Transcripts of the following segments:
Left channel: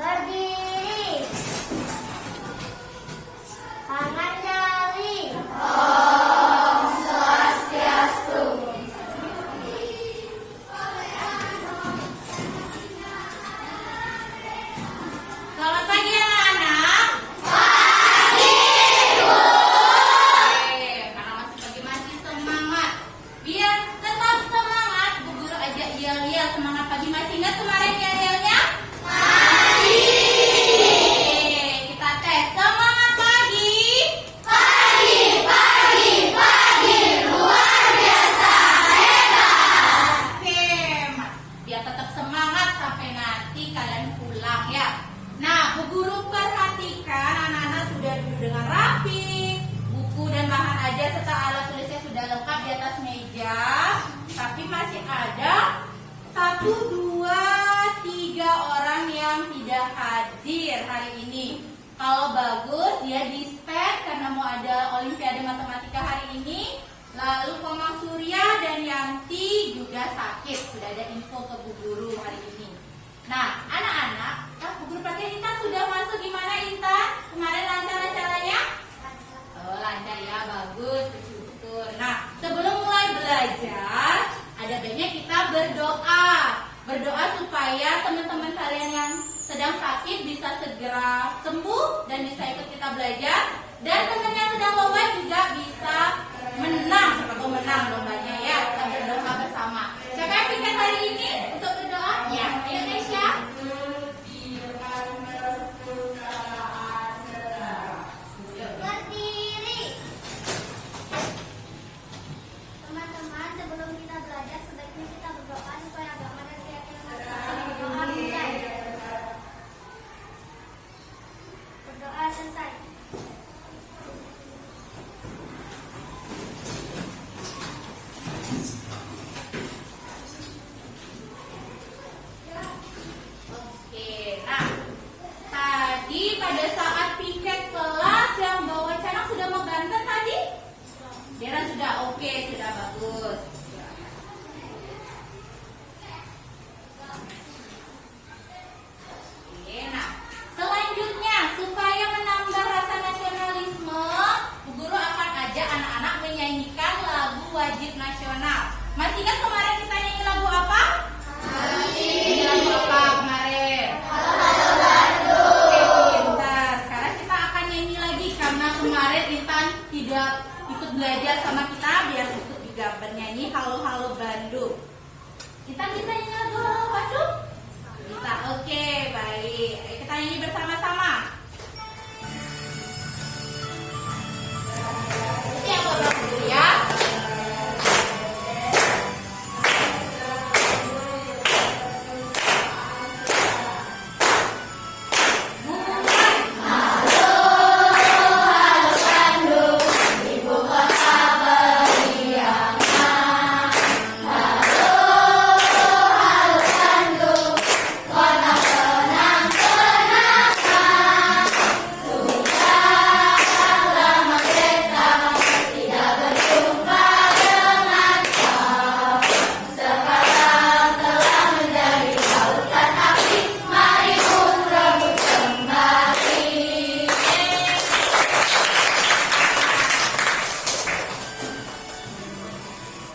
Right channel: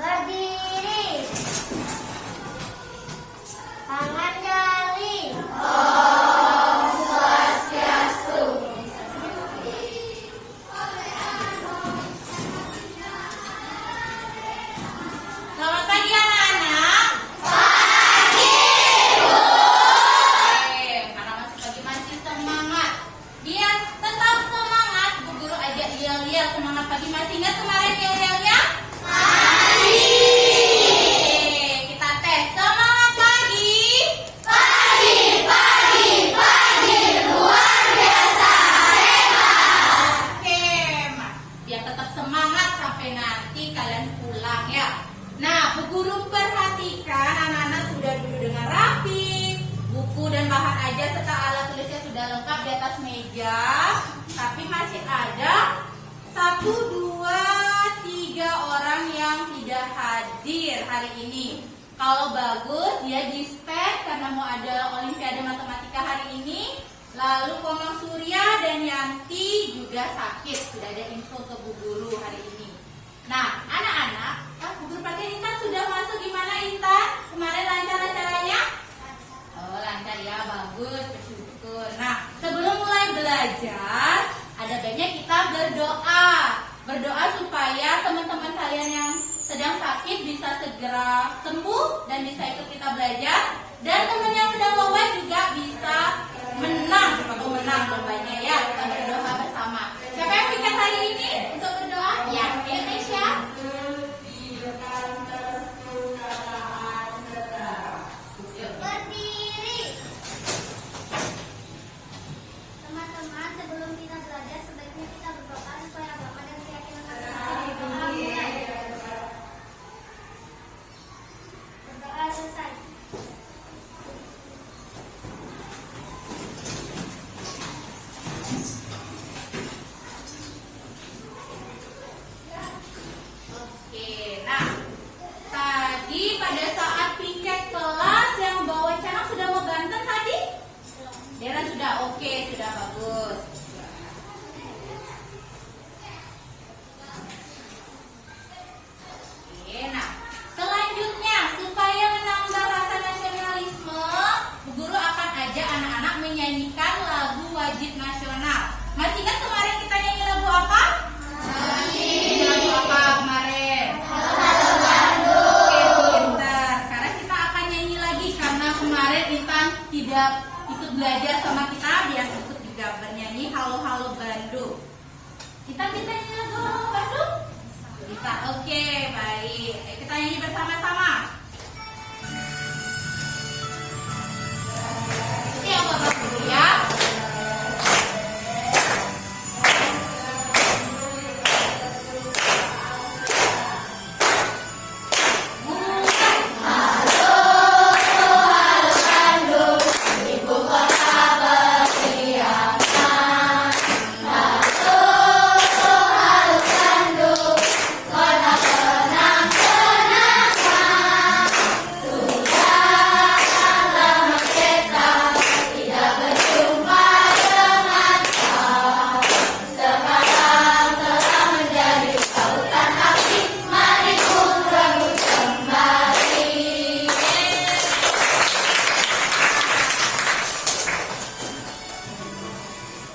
Berdiri. Tangan jari. Selamat pagi anak-anak. Karena masih pagi masih semangat. Biar tetap semangat, Bu Guru ajak yel-yel semangat pagi. Masih ingat kemarin yel-yelnya? Kita tes semangat pagi. Luar biasa hebat. Oke, Mas. Biar tetap semangat sampai nanti kalian pulang ya. Nah, Bu Guru perhatikan anak-anak sudah duduk dengan rapi. Buku dan bahan ajar serta alat tulisnya sudah lengkap di atas meja. Tapi masih ada 1, 2, 3 orang yang tidak hadir hari ini. Kalau bagus dia dispen karena mau ada Olimpiade Matematika hari ini. Lalu Komang Surya dan Yanti juga sakit. Sudah ada info ke Bu Guru hari ini. Nah, anak-anak, Bu Guru pakai Intan sudah masuk. Gimana Intan? Kemarin lancar acaranya? Oh, lancar ya, bagus, bersyukur. Nah, sebelum mulai belajar, ada baiknya kita berdoa. Berdoa supaya teman-teman kalian yang sedang sakit bisa segera sembuh dan bisa ikut kita belajar. Dan teman yang sedang lomba juga bisa menang, atau menang lombanya ya. Kita berdoa bersama. Siapa yang pikir hari ini untuk berdoa? Ya, ayo Nesya. Berdiri. Teman-teman, sebelum kita belajar sebaiknya kita berdoa supaya agama dan keyakinan masing-masing didoakan. Berdoa selesai. Oke, nah tadi pada saat piket kelas yang bawa channel sudah mau Banten tadi? Dera sudah, oke, sudah bagus. Oke, nah selanjutnya supaya menambah rasa nasionalisme, Bu Guru akan ajak anak-anak menyanyikan lagu wajib nasional. Masih ingat kemarin kita nyanyi lagu apa? Nyanyi lagu apa kemarin? Oke, pintar. Sekarang kita akan nyanyi lagi karena kemarin Intan tidak ikut belajar sama kita, biar ikut juga bernyanyi Halo Halo Bandung. Intan bisa nyanyi lagu Halo Bandung? Bisa. Oke, baik. Ayo kita nyanyi bersama-sama. Ini yang buat dulu ya.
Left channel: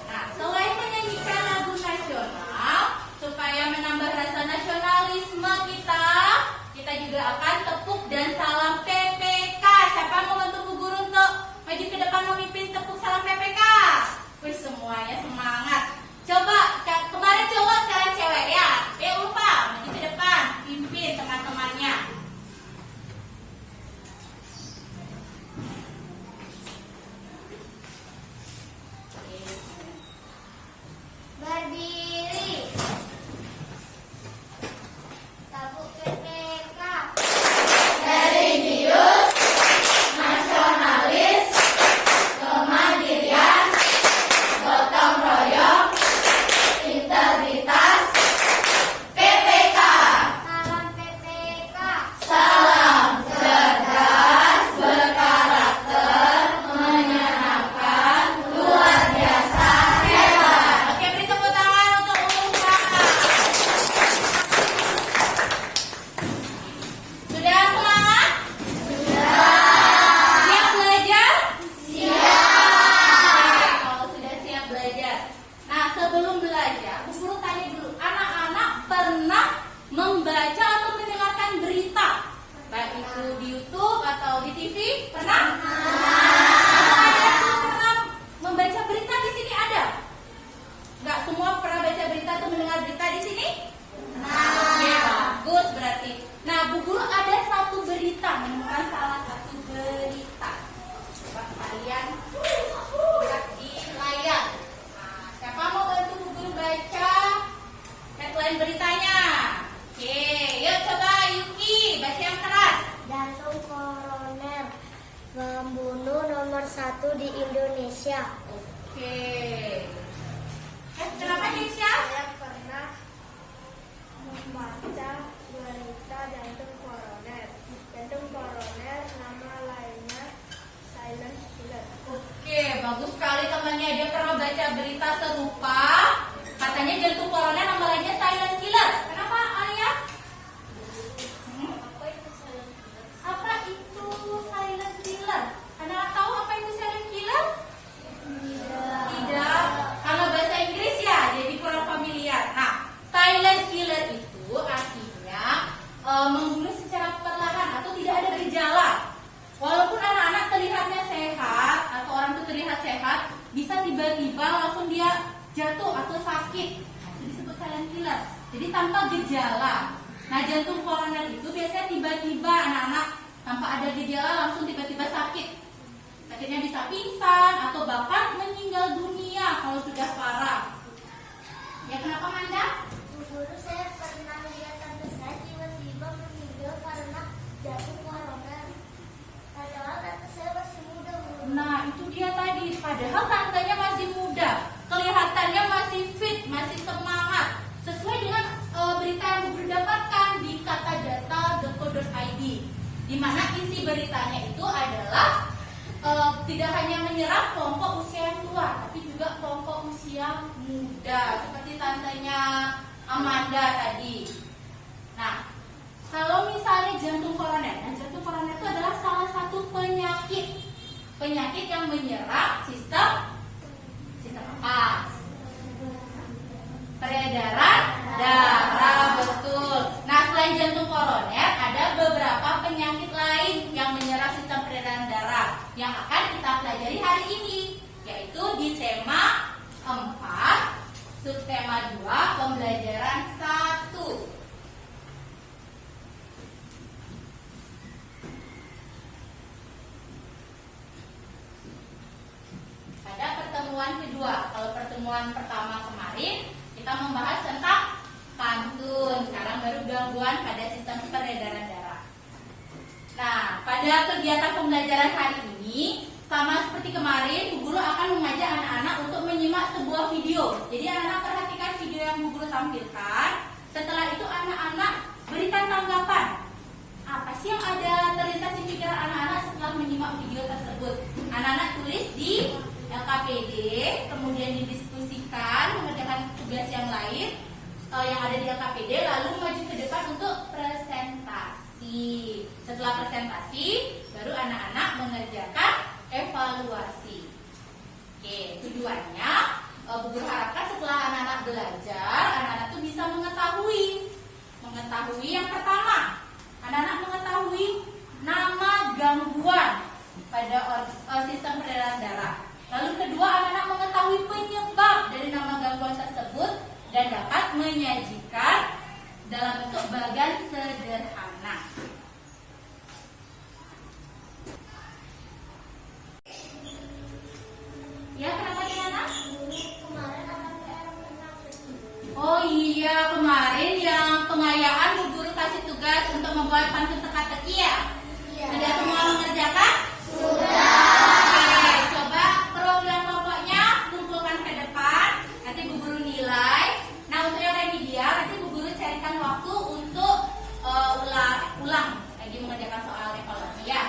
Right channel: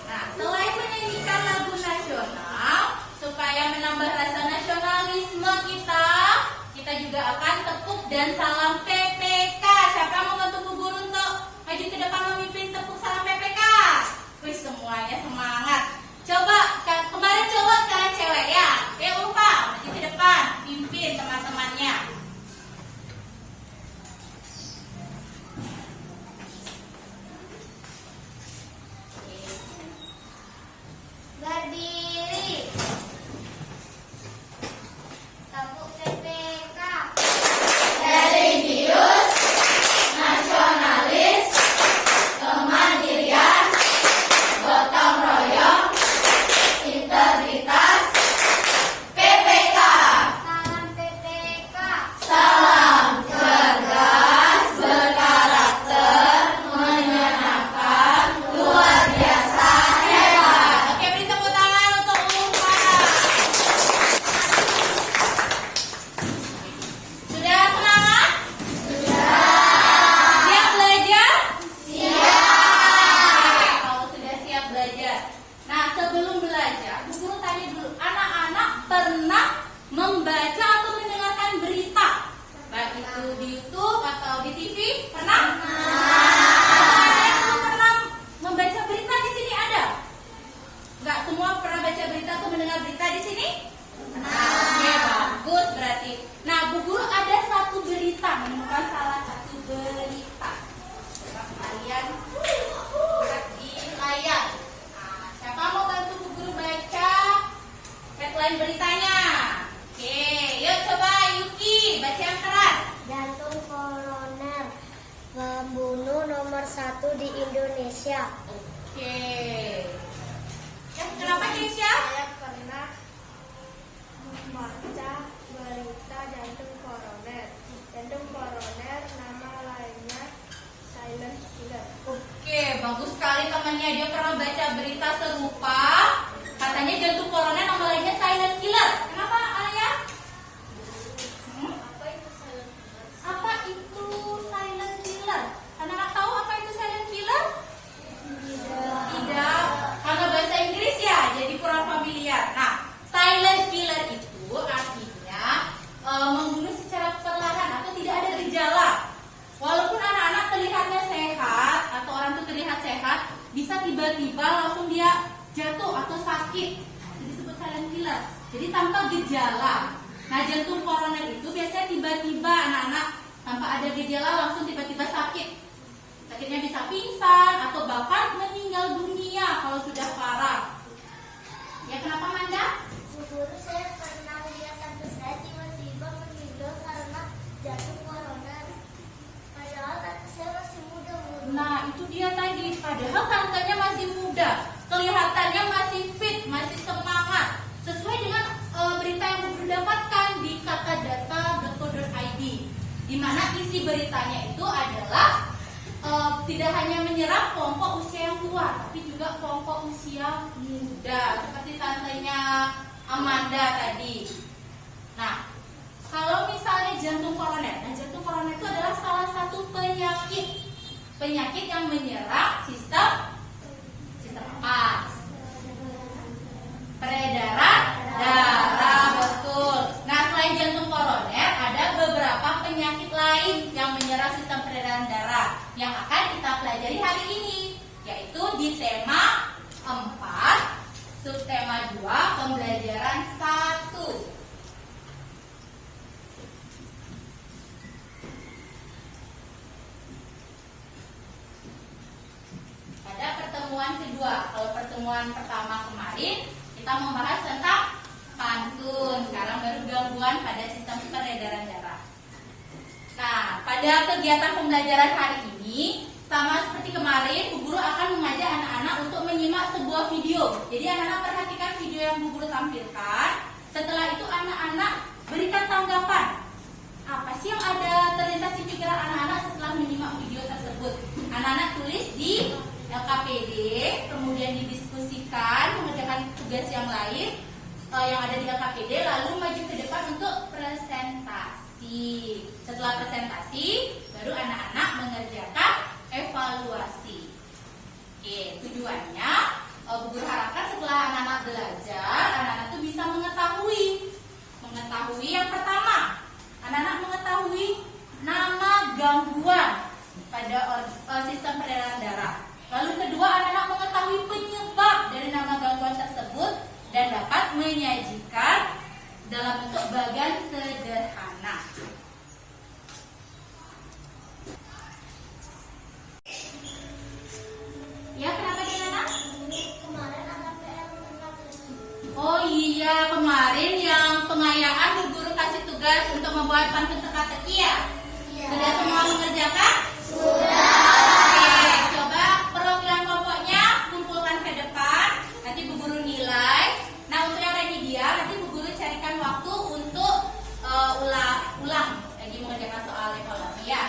Nah, selain menyanyikan lagu nasional, supaya menambah rasa nasionalisme kita juga akan tepuk dan salam PPK. Siapa yang mau bantu Bu Guru untuk maju ke depan memimpin tepuk salam PPK? Wih, semuanya semangat. Coba, kemarin cowok sekarang cewek ya. Lupa, maju ke depan, pimpin teman-temannya. Berdiri. Tabuk PTK. Religius, nasionalis, kemandirian, gotong royong, di TV? Pernah? Ada yang belum pernah membaca berita di sini ada? Nggak semua pernah baca berita atau mendengar berita di sini? Oke, bagus berarti. Nah, Bu Guru ada satu berita, menemukan salah satu berita. Coba kalian lihat di layar. Nah, siapa mau bantu Bu Guru baca headline beritanya? Oke, yuk coba Yuki, baca yang keras. Jantung koroner pembunuh nomor 1 di Indonesia. Oke. Kenapa Indonesia? Saya pernah membaca berita jantung koroner. Jantung koroner nama lainnya silent killer. Oke, bagus sekali temannya. Dia pernah baca berita serupa. Katanya jantung koroner nama lainnya silent killer. Kenapa Alia? Apa itu silent killer? Apa itu silent killer? Ada tahu apa itu silent killer? Tidak. Karena bahasa Inggris ya, jadi kurang familiar. Nah, silent killer itu artinya membunuh secara perlahan atau tidak ada gejala. Walaupun anak-anak terlihatnya sehat atau orang itu terlihat sehat, bisa tiba-tiba langsung dia jatuh atau sakit. Nah, itu disebut silent killer. Jadi tanpa gejala. Nah, jantung koroner itu biasanya tiba-tiba anak-anak tanpa ada gejala langsung tiba-tiba sakit. Sakitnya bisa pingsan atau bahkan meninggal dunia kalau sudah parah. Ya, kenapa Manda? Bu Guru, saya pernah lihat tante saya tiba-tiba meninggal karena jantung koroner. Padahal tante saya masih muda, Bu. Nah, itu dia tadi. Padahal tantenya masih muda, kelihatannya masih fit, masih semangat. Sesuai dengan berita yang Bu Guru dapatkan di katadata.co.id, di mana isi beritanya itu adalah tidak hanya menyerang kelompok usia yang tua, tapi juga kelompok usia muda, seperti tantenya Amanda tadi. Nah, kalau misalnya jantung koroner, nah jantung koroner itu adalah salah satu penyakit yang menyerang sistem apa? Peredaran darah, betul. Nah, selain jantung koroner, ada beberapa penyakit lain yang menyerang sistem peredaran darah yang akan kita pelajari hari ini, yaitu di tema 4, subtema 2, pembelajaran 1. Pada pertemuan kedua, kalau pertemuan pertama kemarin kita membahas tentang pantun, sekarang baru gangguan pada sistem peredaran darah. Nah, pada kegiatan pembelajaran hari ini, sama seperti kemarin, Bu Guru akan mengajak anak-anak untuk menyimak sebuah video. Jadi anak-anak perhatikan video yang Bu Guru tampilkan. Setelah itu anak-anak berikan tanggapan. Apa sih yang ada terlintas di pikiran anak-anak setelah menyimak video tersebut? Anak-anak tulis di LKPD, kemudian didiskusikan, mengerjakan tugas yang lain yang ada di LKPD, lalu maju ke depan untuk presentasi. Setelah presentasi, baru anak-anak mengerjakan evaluasi. Oke, tujuannya Bu Guru harapkan setelah anak-anak belajar, anak-anak itu bisa mengetahui yang pertama, anak-anak mengetahui nama gangguan pada sistem peredaran darah. Lalu kedua, anak-anak mengetahui penyebab dari nama gangguan tersebut dan dapat menyajikan dalam bentuk bagan sederhana. Ya, kenapa anak? Kemarin ada PR tentang kesini. Oh iya, kemarin yang pengayaan Bu Guru kasih tugas untuk membuat pantun teka-teki ya? Iya. Sudah semua mengerjakan? Sudah. Oke, coba program kelompoknya kumpulkan ke depan. Nanti Bu Guru nilai. Nah, untuk yang remedial, nanti Bu Guru carikan waktu untuk ulang lagi mengerjakan soal evaluasi ya.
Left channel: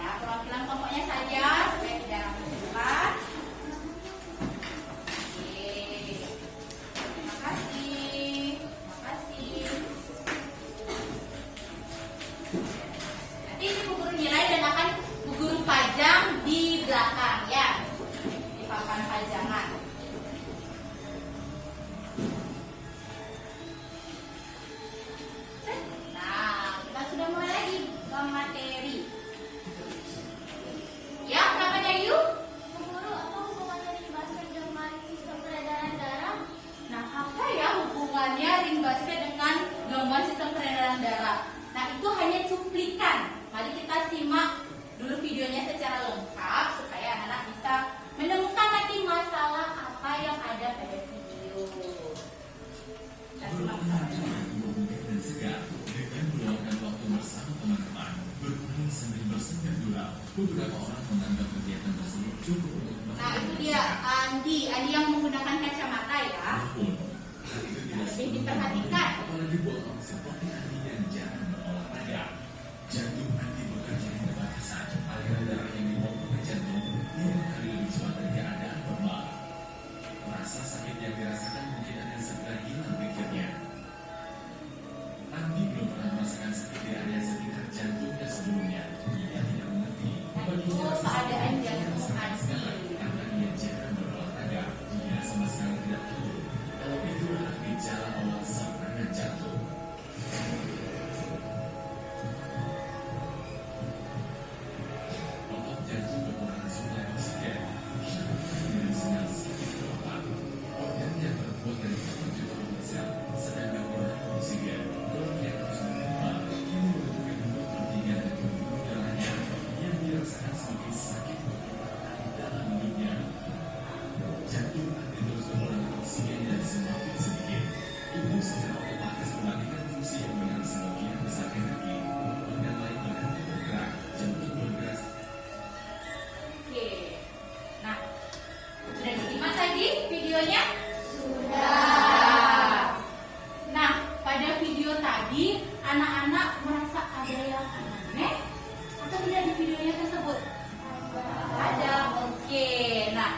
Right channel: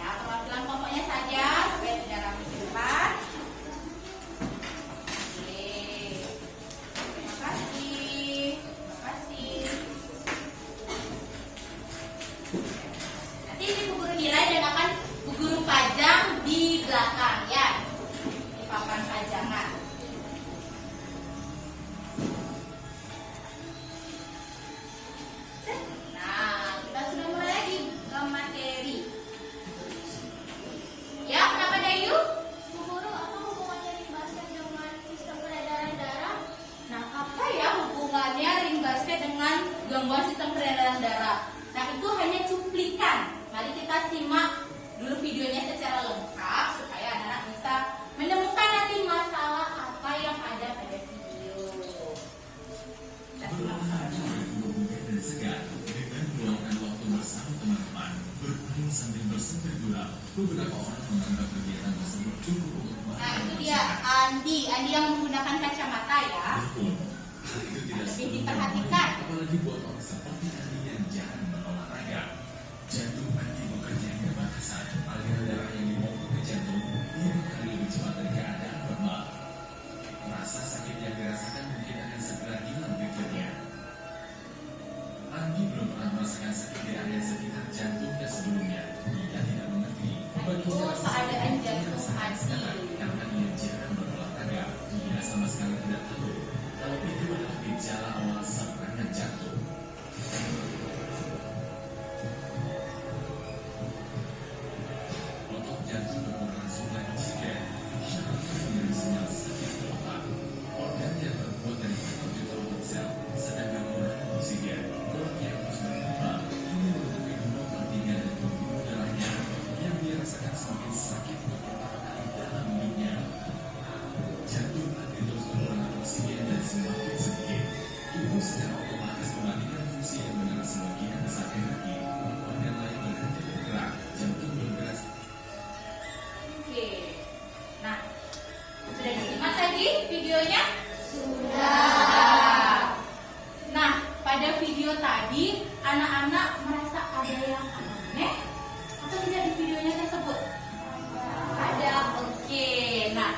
Ya, perwakilan kelompoknya saja sampai 3 ratus ke depan. Oke. Terima kasih. Terima kasih. Nanti itu hanya cuplikan. Mari kita simak dulu videonya secara lengkap supaya anak-anak bisa menemukan nanti masalah apa yang ada pada video. Kita simak bersama. Dengan meluangkan waktu bersama teman-teman, bermain sambil bersepeda gurau, beberapa orang menganggap kegiatan tersebut cukup untuk Nah, itu dia Andi yang menggunakan kacamata ya. Betul. Hal itu tidak Lebih diperhatikan. apalagi buat orang seperti Andi yang jarang berolahraga. Jantung Andi bekerja hingga batasan agar darah yang dibawa ke jantung 5 kali lebih cepat dari keadaan normal. Rasa sakit yang dirasakan mungkin akan segera hilang pikirnya. Andi belum pernah merasakan sakit di area sekitar jantungnya sebelumnya. Ia tidak mengerti bagaimana keadaan jantung sekarang Andi. karena ia jarang berolahraga. Ia sama sekali tidak tahu kalau itu adalah gejala awal serangan jantung. Otot jantung kekurangan suplai oksigen. Ia akan mengirim sinyal sakit ke otak. Organ yang terbuat dari 1 juta otot sel sedang kekurangan oksigen. Otot yang terus berkembang ini menutupi 2/3 dari pembuluh darahnya yang dirasakan semakin sakit beberapa kali dalam hidupnya. Jantung akan terus kekurangan oksigen dan semakin sedikit. Tubuh secara otomatis mematikan fungsi yang benar sebagian besar energi. Organ lain berhenti bergerak. Jantung bergerak. Oke. Nah, sudah disimak tadi videonya? Sudah. Nah, pada video tadi anak-anak merasa ada yang aneh atau tidak di videonya tersebut? Ada. Oke. Nah,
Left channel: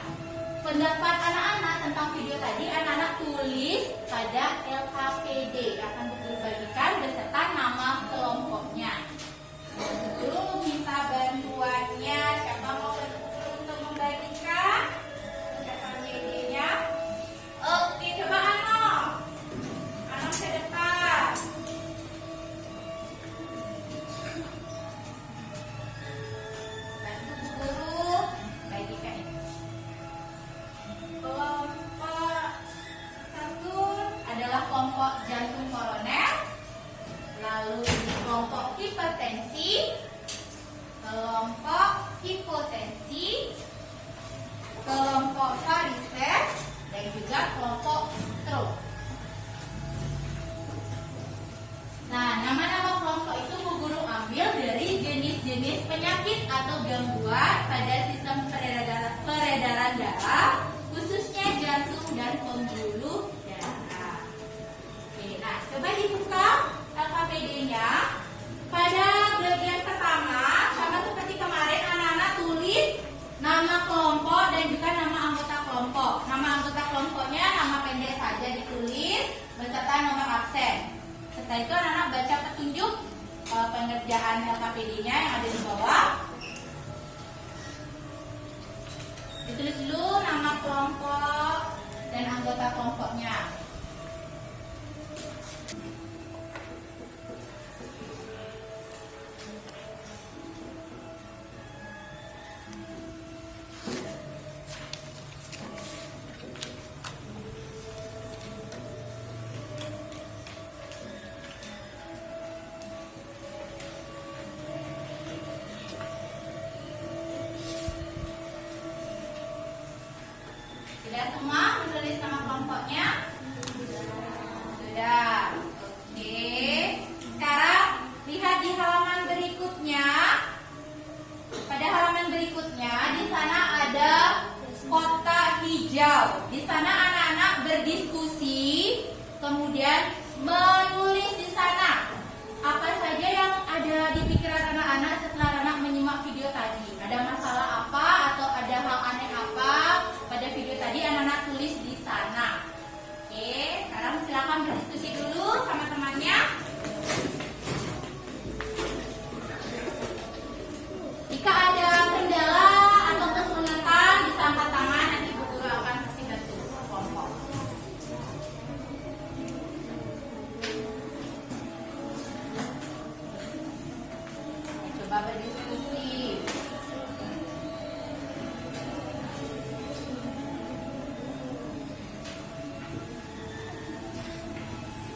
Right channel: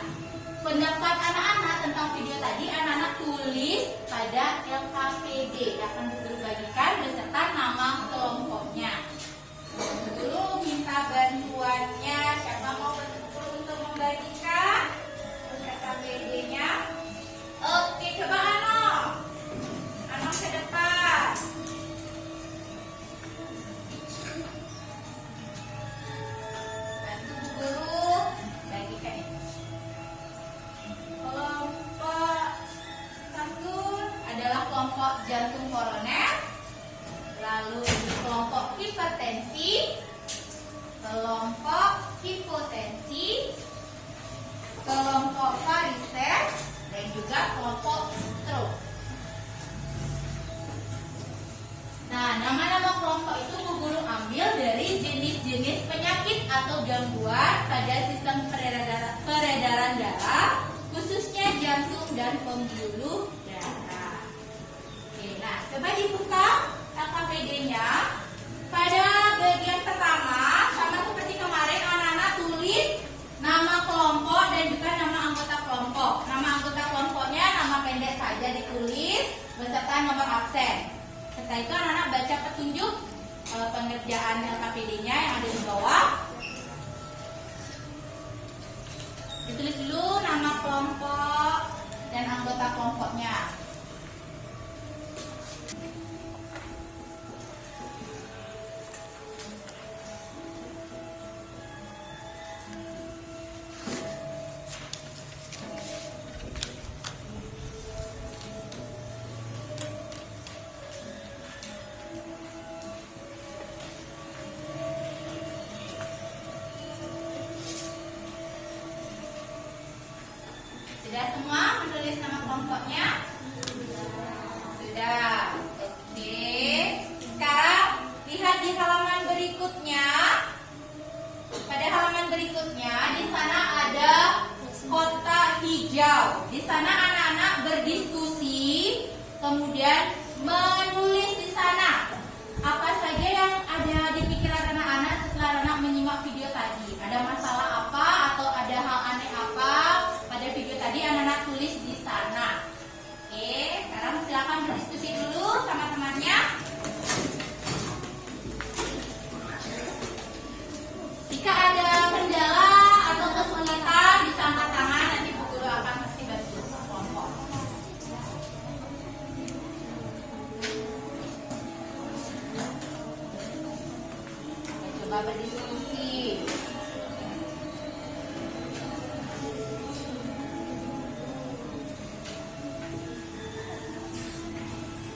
pendapat anak-anak tentang video tadi anak-anak tulis pada LKPD akan dibagikan beserta nama kelompoknya. Dulu minta bantuannya, siapa mau bantu untuk membagikan LKPD-nya? Oke, coba Ano ke depan. Bantu Bu Guru bagikan ini. Kelompok 1 adalah kelompok jantung koroner, lalu kelompok hipertensi, kelompok hipotensi, kelompok varises, dan juga kelompok stroke. Nah, nama-nama kelompok itu Bu Guru ambil dari jenis-jenis penyakit atau gangguan pada sistem peredaran darah, khususnya jantung dan pembuluh darah. Oke, nah coba dibuka LKPD-nya. Pada bagian pertama, sama seperti kemarin, anak-anak tulis nama kelompok dan juga nama anggota kelompok. Nama anggota kelompoknya nama pendek saja ditulis beserta nomor absen. Setelah itu anak-anak baca petunjuk pengerjaan LKPD-nya yang ada di bawah. Ditulis dulu nama kelompok dan anggota kelompoknya. Sudah semua menulis nama kelompoknya? Sudah. Oke. Sekarang lihat di halaman berikutnya. Pada halaman berikutnya di sana ada kotak hijau. Di sana anak-anak berdiskusi, kemudian menulis di sana apa saja yang ada di pikiran anak-anak setelah anak menyimak video tadi. Ada masalah apa atau ada hal aneh apa pada video tadi, anak-anak tulis di sana. Oke, sekarang silakan berdiskusi dulu sama temannya. Jika ada kendala atau kesulitan bisa angkat tangan, nanti Bu Guru akan kasih bantu kelompok. Coba berdiskusi.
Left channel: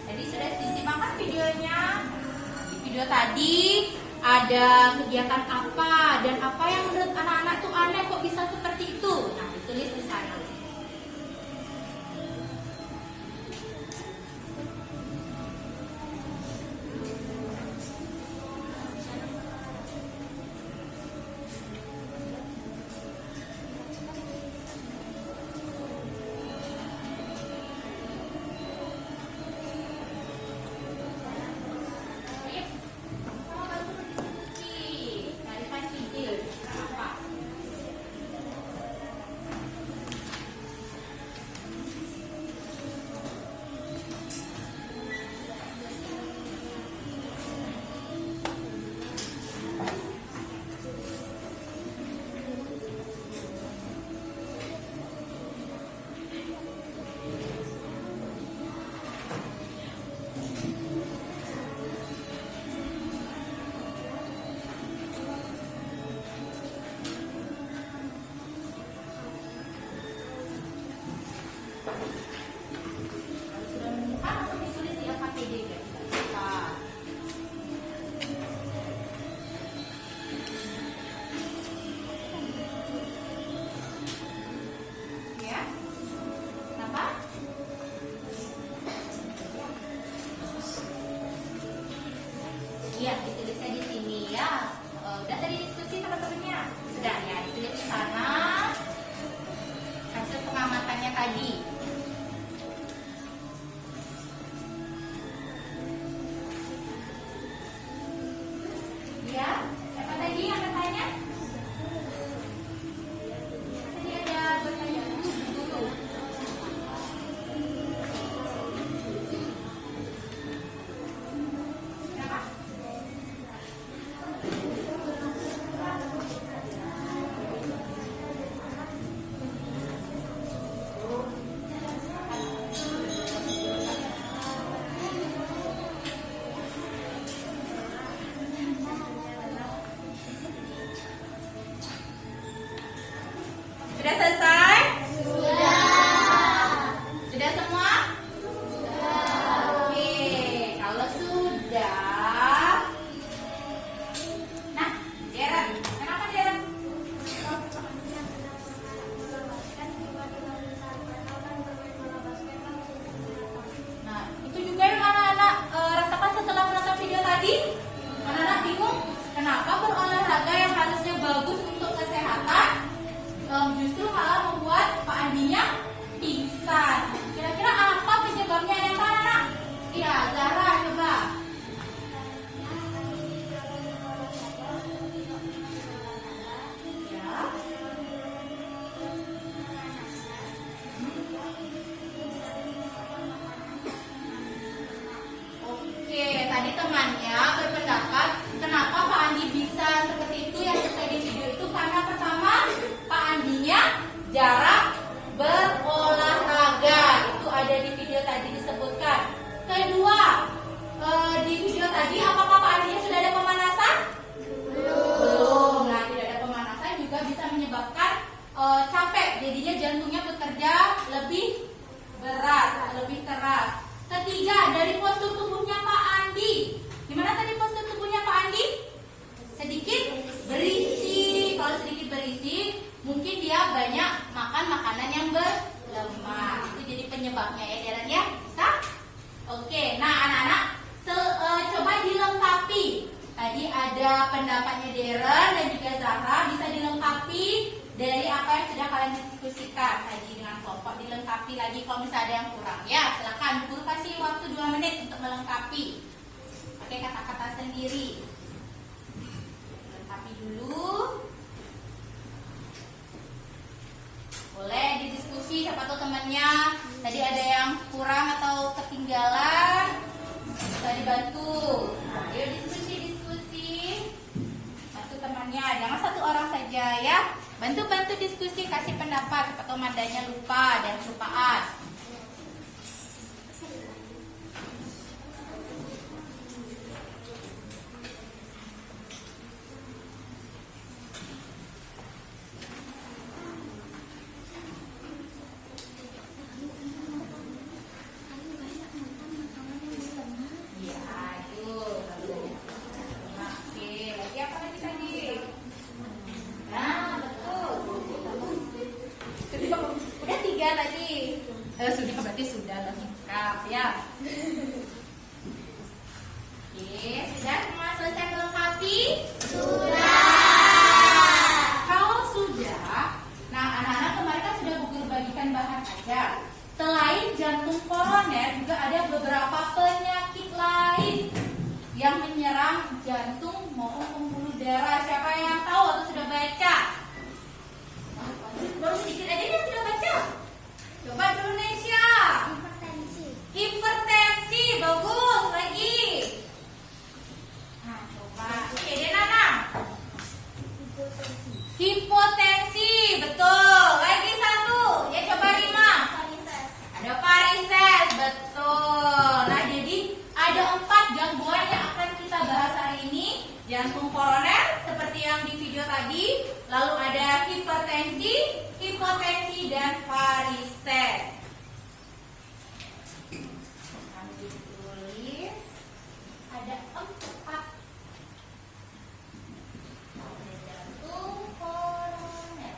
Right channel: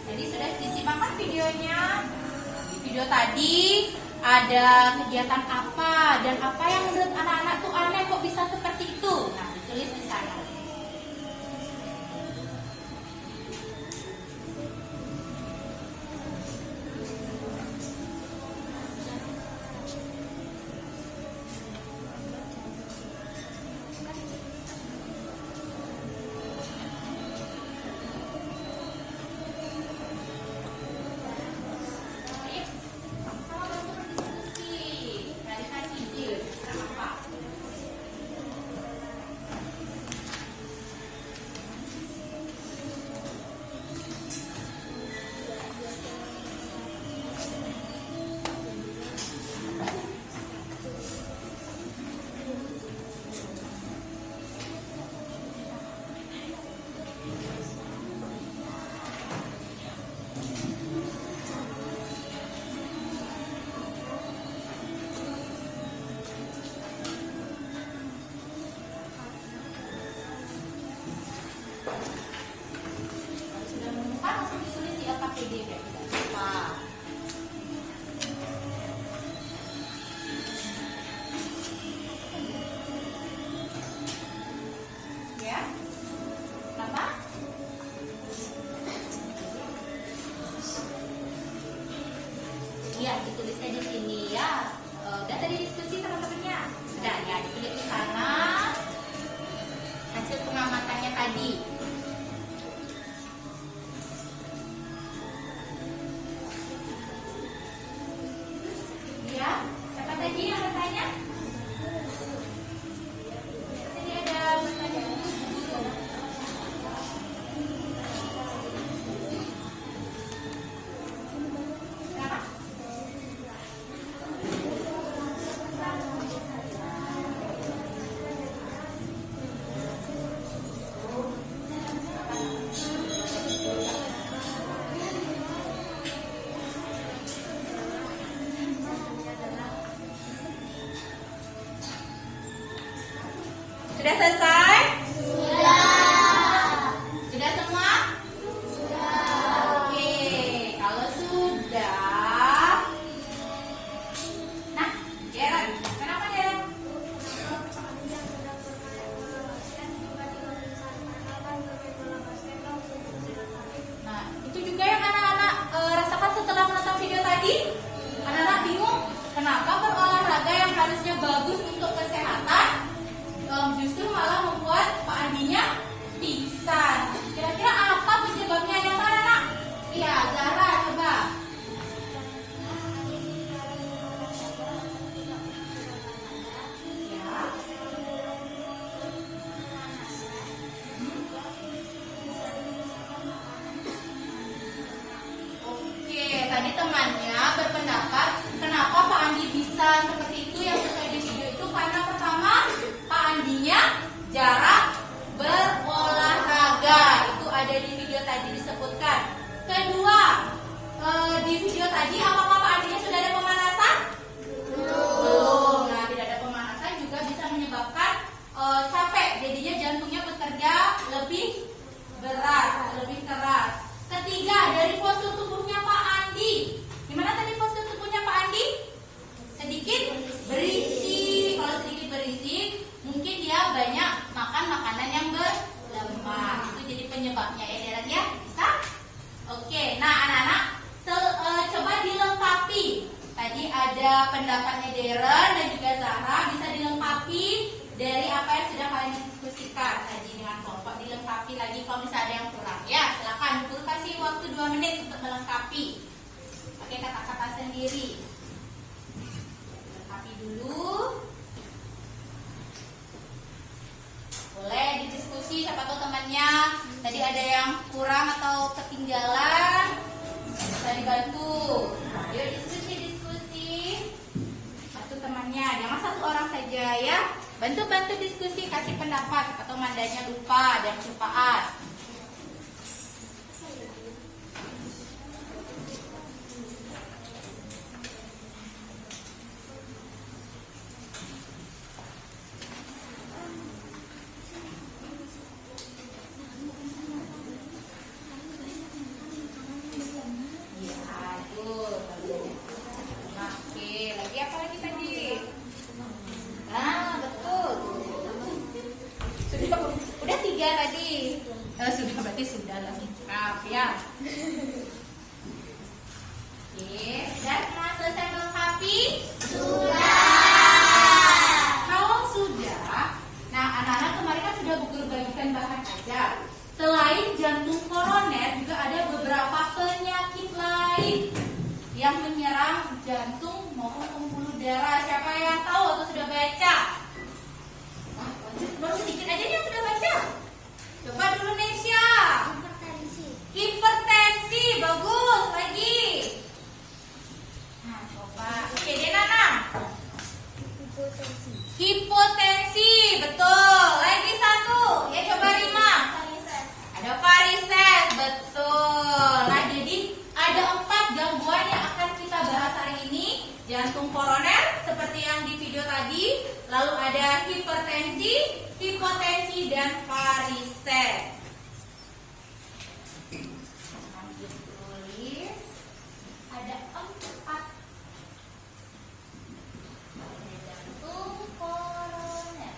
Jadi sudah disimak videonya. video tadi ada kegiatan apa dan apa yang menurut anak-anak itu aneh kok bisa seperti itu. Nah, ditulis di sana. Sudah menemukan langsung ditulis di LKPD kayak gitu. Wah. Ya. Kenapa? Iya, ditulisnya di sini ya. Udah tadi diskusi teman-temannya. Sudah ya, ditulis di sana hasil pengamatannya tadi. Ya, siapa tadi yang bertanya? Tadi ada bertanya. Kenapa? Sudah selesai? Sudah semua? Oke, kalau sudah. Nah, Deren, kenapa Deren? Nah, itu juga yang anak-anak rasakan setelah menonton video tadi. Anak-anak bingung, kenapa berolahraga yang harusnya bagus untuk kesehatan justru malah membuat Pak Andinya pingsan. Kira-kira apa penyebabnya yang mana? Iya, Zahra coba. Ya. Oke, tadi temannya berpendapat kenapa Pak Andi bisa seperti itu yang sesuai di video itu karena pertama Pak Andinya jarang berolahraga, itu ada di video tadi disebutkan. Kedua, di video tadi apakah Pak Andinya sudah ada pemanasan? Belum. Nah, tidak ada pemanasan juga bisa menyebabkan capek, jadinya jantungnya bekerja lebih berat, lebih keras. Ketiga, dari postur tubuhnya Pak Andi. Gimana tadi postur tubuhnya Pak Andi? Sedikit berisi. Kalau sedikit berisi, mungkin dia banyak makan makanan yang berlemak. Itu jadi penyebabnya ya, Deren ya? Bisa? Oke, nah anak-anak coba dilengkapi. Tadi ada pendapatnya Deren dan juga Zahra, bisa dilengkapi dari apa yang sudah kalian diskusikan tadi dengan kelompok. Dilengkapi lagi kalau misalnya ada yang kurang ya. Silakan, guru kasih waktu 2 menit untuk melengkapi. Pakai kata-kata sendiri. Lengkapi dulu. Boleh didiskusi, siapa tahu temannya tadi ada yang kurang atau ketinggalan, bisa dibantu. Nah, yuk diskusi. Satu temannya, jangan satu orang saja ya. Bantu diskusi, kasih pendapat, siapa tahu mandanya lupa dan kelupaan. penyakit yang menyerang jantung maupun pembuluh darah. Siapa yang tahu atau sudah baca? Baru sedikit aja yang sudah baca. Coba dulu Nesya. Hipertensi. Hipertensi, bagus lagi. Nah, coba. Oke, Denana. Hipotensi. Hipotensi, betul. Lagi satu. Ya coba Rima. Varises. Ada varises, betul. Nah, jadi ada 4 gangguan yang akan kita bahas hari ini. Jantung koroner seperti yang di video tadi, lalu ada hipertensi, hipotensi, dan varises. Lanjut tulis. Ada 4. Ada jantung koroner.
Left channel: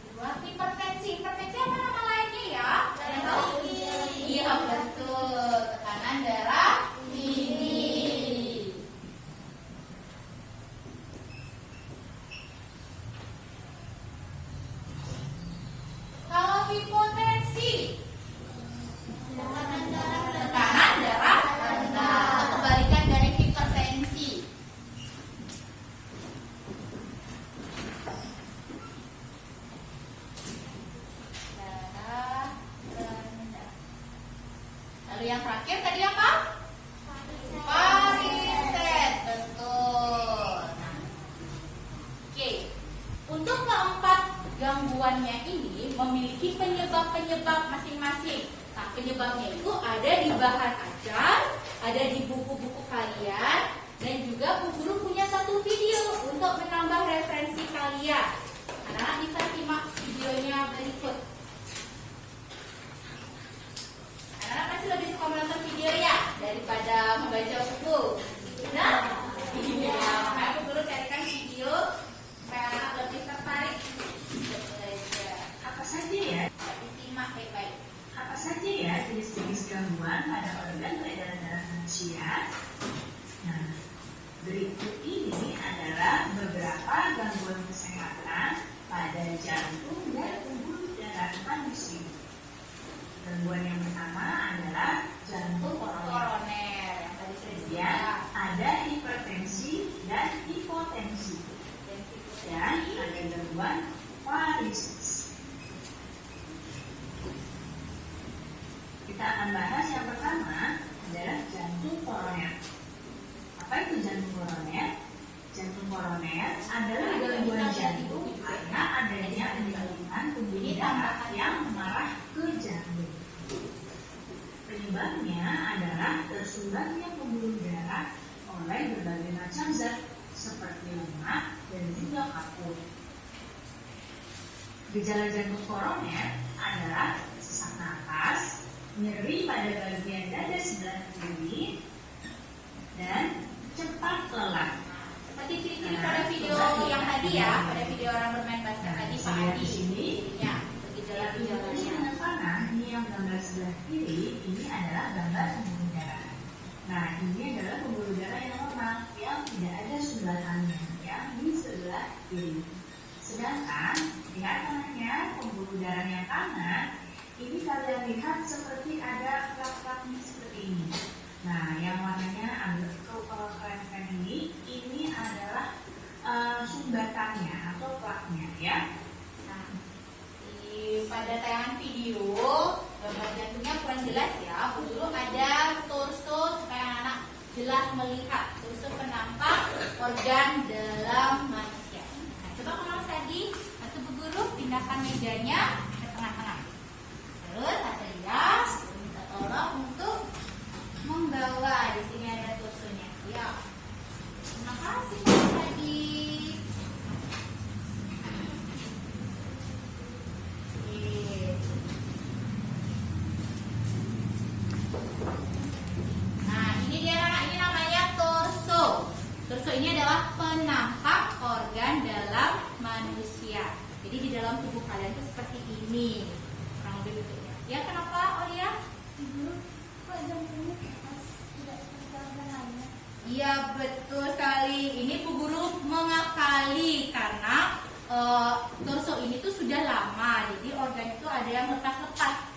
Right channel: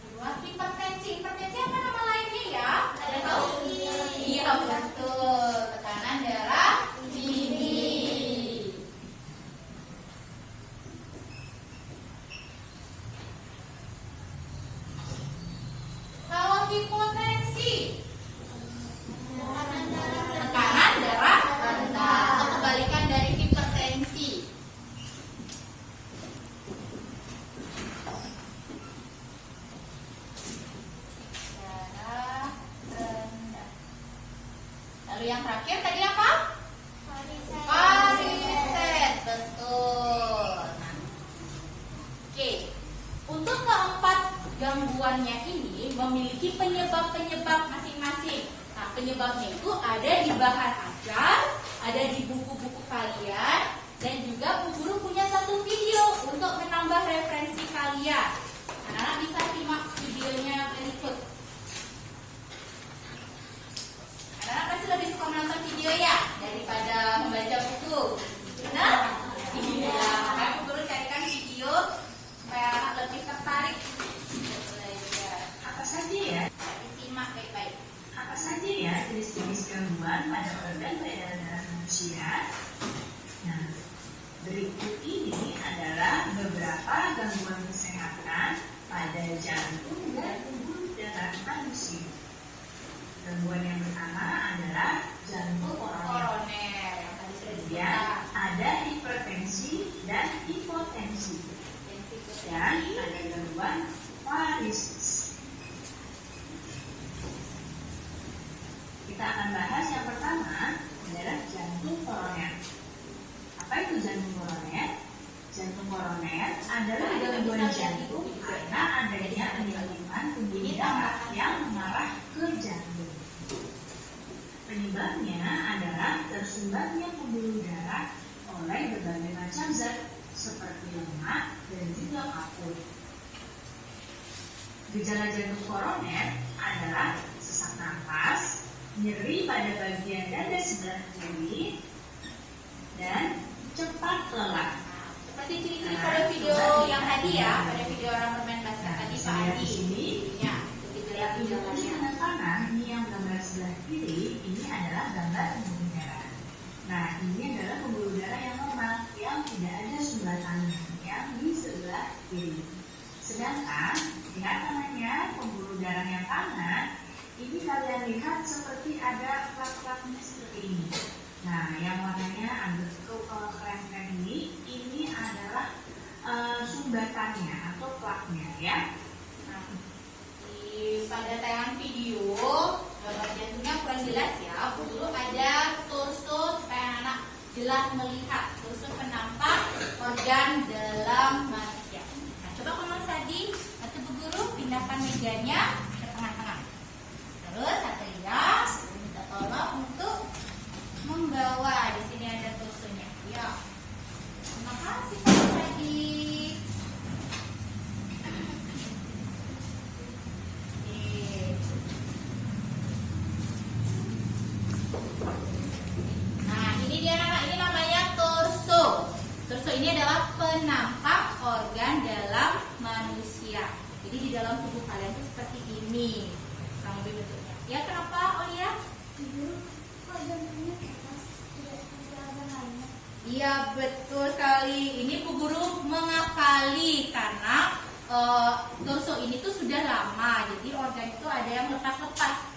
Kedua, hipertensi. Hipertensi apa nama lainnya ya? Ada tahu? Iya, betul. Tekanan darah tinggi. Kalau hipotensi, tekanan darah rendah. Kebalikan dari hipertensi. Darah rendah. Lalu yang terakhir tadi apa? Varises, betul. Nah, oke. Untuk keempat gangguannya ini memiliki penyebab-penyebab masing-masing. Nah, penyebabnya itu ada di bahan ajar, ada di buku-buku kalian, dan juga Bu Guru punya satu video untuk menambah referensi kalian. Anak-anak bisa simak videonya berikut. Anak-anak pasti lebih suka menonton video ya daripada membaca buku. Benar? Iya. Makanya Bu Guru carikan video supaya anak lebih tertarik untuk belajar. Apa saja ya? Tapi simak baik-baik. Apa saja ya jenis-jenis gangguan pada organ peredaran darah manusia? Nah, berikut ini adalah beberapa gangguan kesehatan pada jantung dan pembuluh darah manusia. Gangguan yang pertama adalah jantung koroner. Koroner yang tadi sudah Kemudian disebut. ada hipertensi dan hipotensi. Dan ada gangguan varises. Kita akan bahas yang pertama adalah jantung koroner. Apa itu jantung koroner? Jantung koroner adalah gangguan jantung karena adanya penyembuhan pembuluh darah yang mengarah ke jantung. Penyebabnya adalah tersumbatnya pembuluh darah oleh berbagai macam zat seperti lemak dan juga kapur. Gejala jantung koroner adalah sesak napas, nyeri pada bagian dada sebelah kiri, dan cepat lelah. Seperti ciri-ciri pada video yang tadi ya, pada video orang bermain basket tadi Pak Saya Adi. di sini Ya, ini gejala-gejalanya. dengan panah, ini yang gambar sebelah kiri, ini adalah gambar pembuluh darah. Nah, ini adalah pembuluh darah yang normal, yang tidak ada sumbatannya, yang di sebelah kiri. Sedangkan lihat kanannya, pembuluh darah yang kanan, ini kalian lihat seperti ada plat-platnya seperti ini. Nah, yang warnanya agak kalau keren-keren ini adalah sumbatannya atau platnya ya. Nah, pada tayangan video gambar jantungnya kurang jelas ya. Bu Guru ada torso supaya anak-anak jelas melihat torso penampak organ dalam manusia. Nah, coba Mama Sadi atau Bu Guru pindahkan mejanya ke tengah-tengah. Terus Satria minta tolong untuk membawa. Di sini ada torsonya. Ya. Terima kasih Pak Sadi. Nah, ini dia ini namanya torso. Torso ini adalah penampak organ dalam manusia. Jadi di dalam tubuh kalian itu seperti ini. Kurang lebih bentuknya. Ya, kenapa Olia? Ibu, kok jantungnya pas tidak seperti organ lainnya? Iya, betul sekali. Ini Bu Guru mengakali karena torso ini tuh sudah lama. Jadi organ itu ada yang lepas-lepas.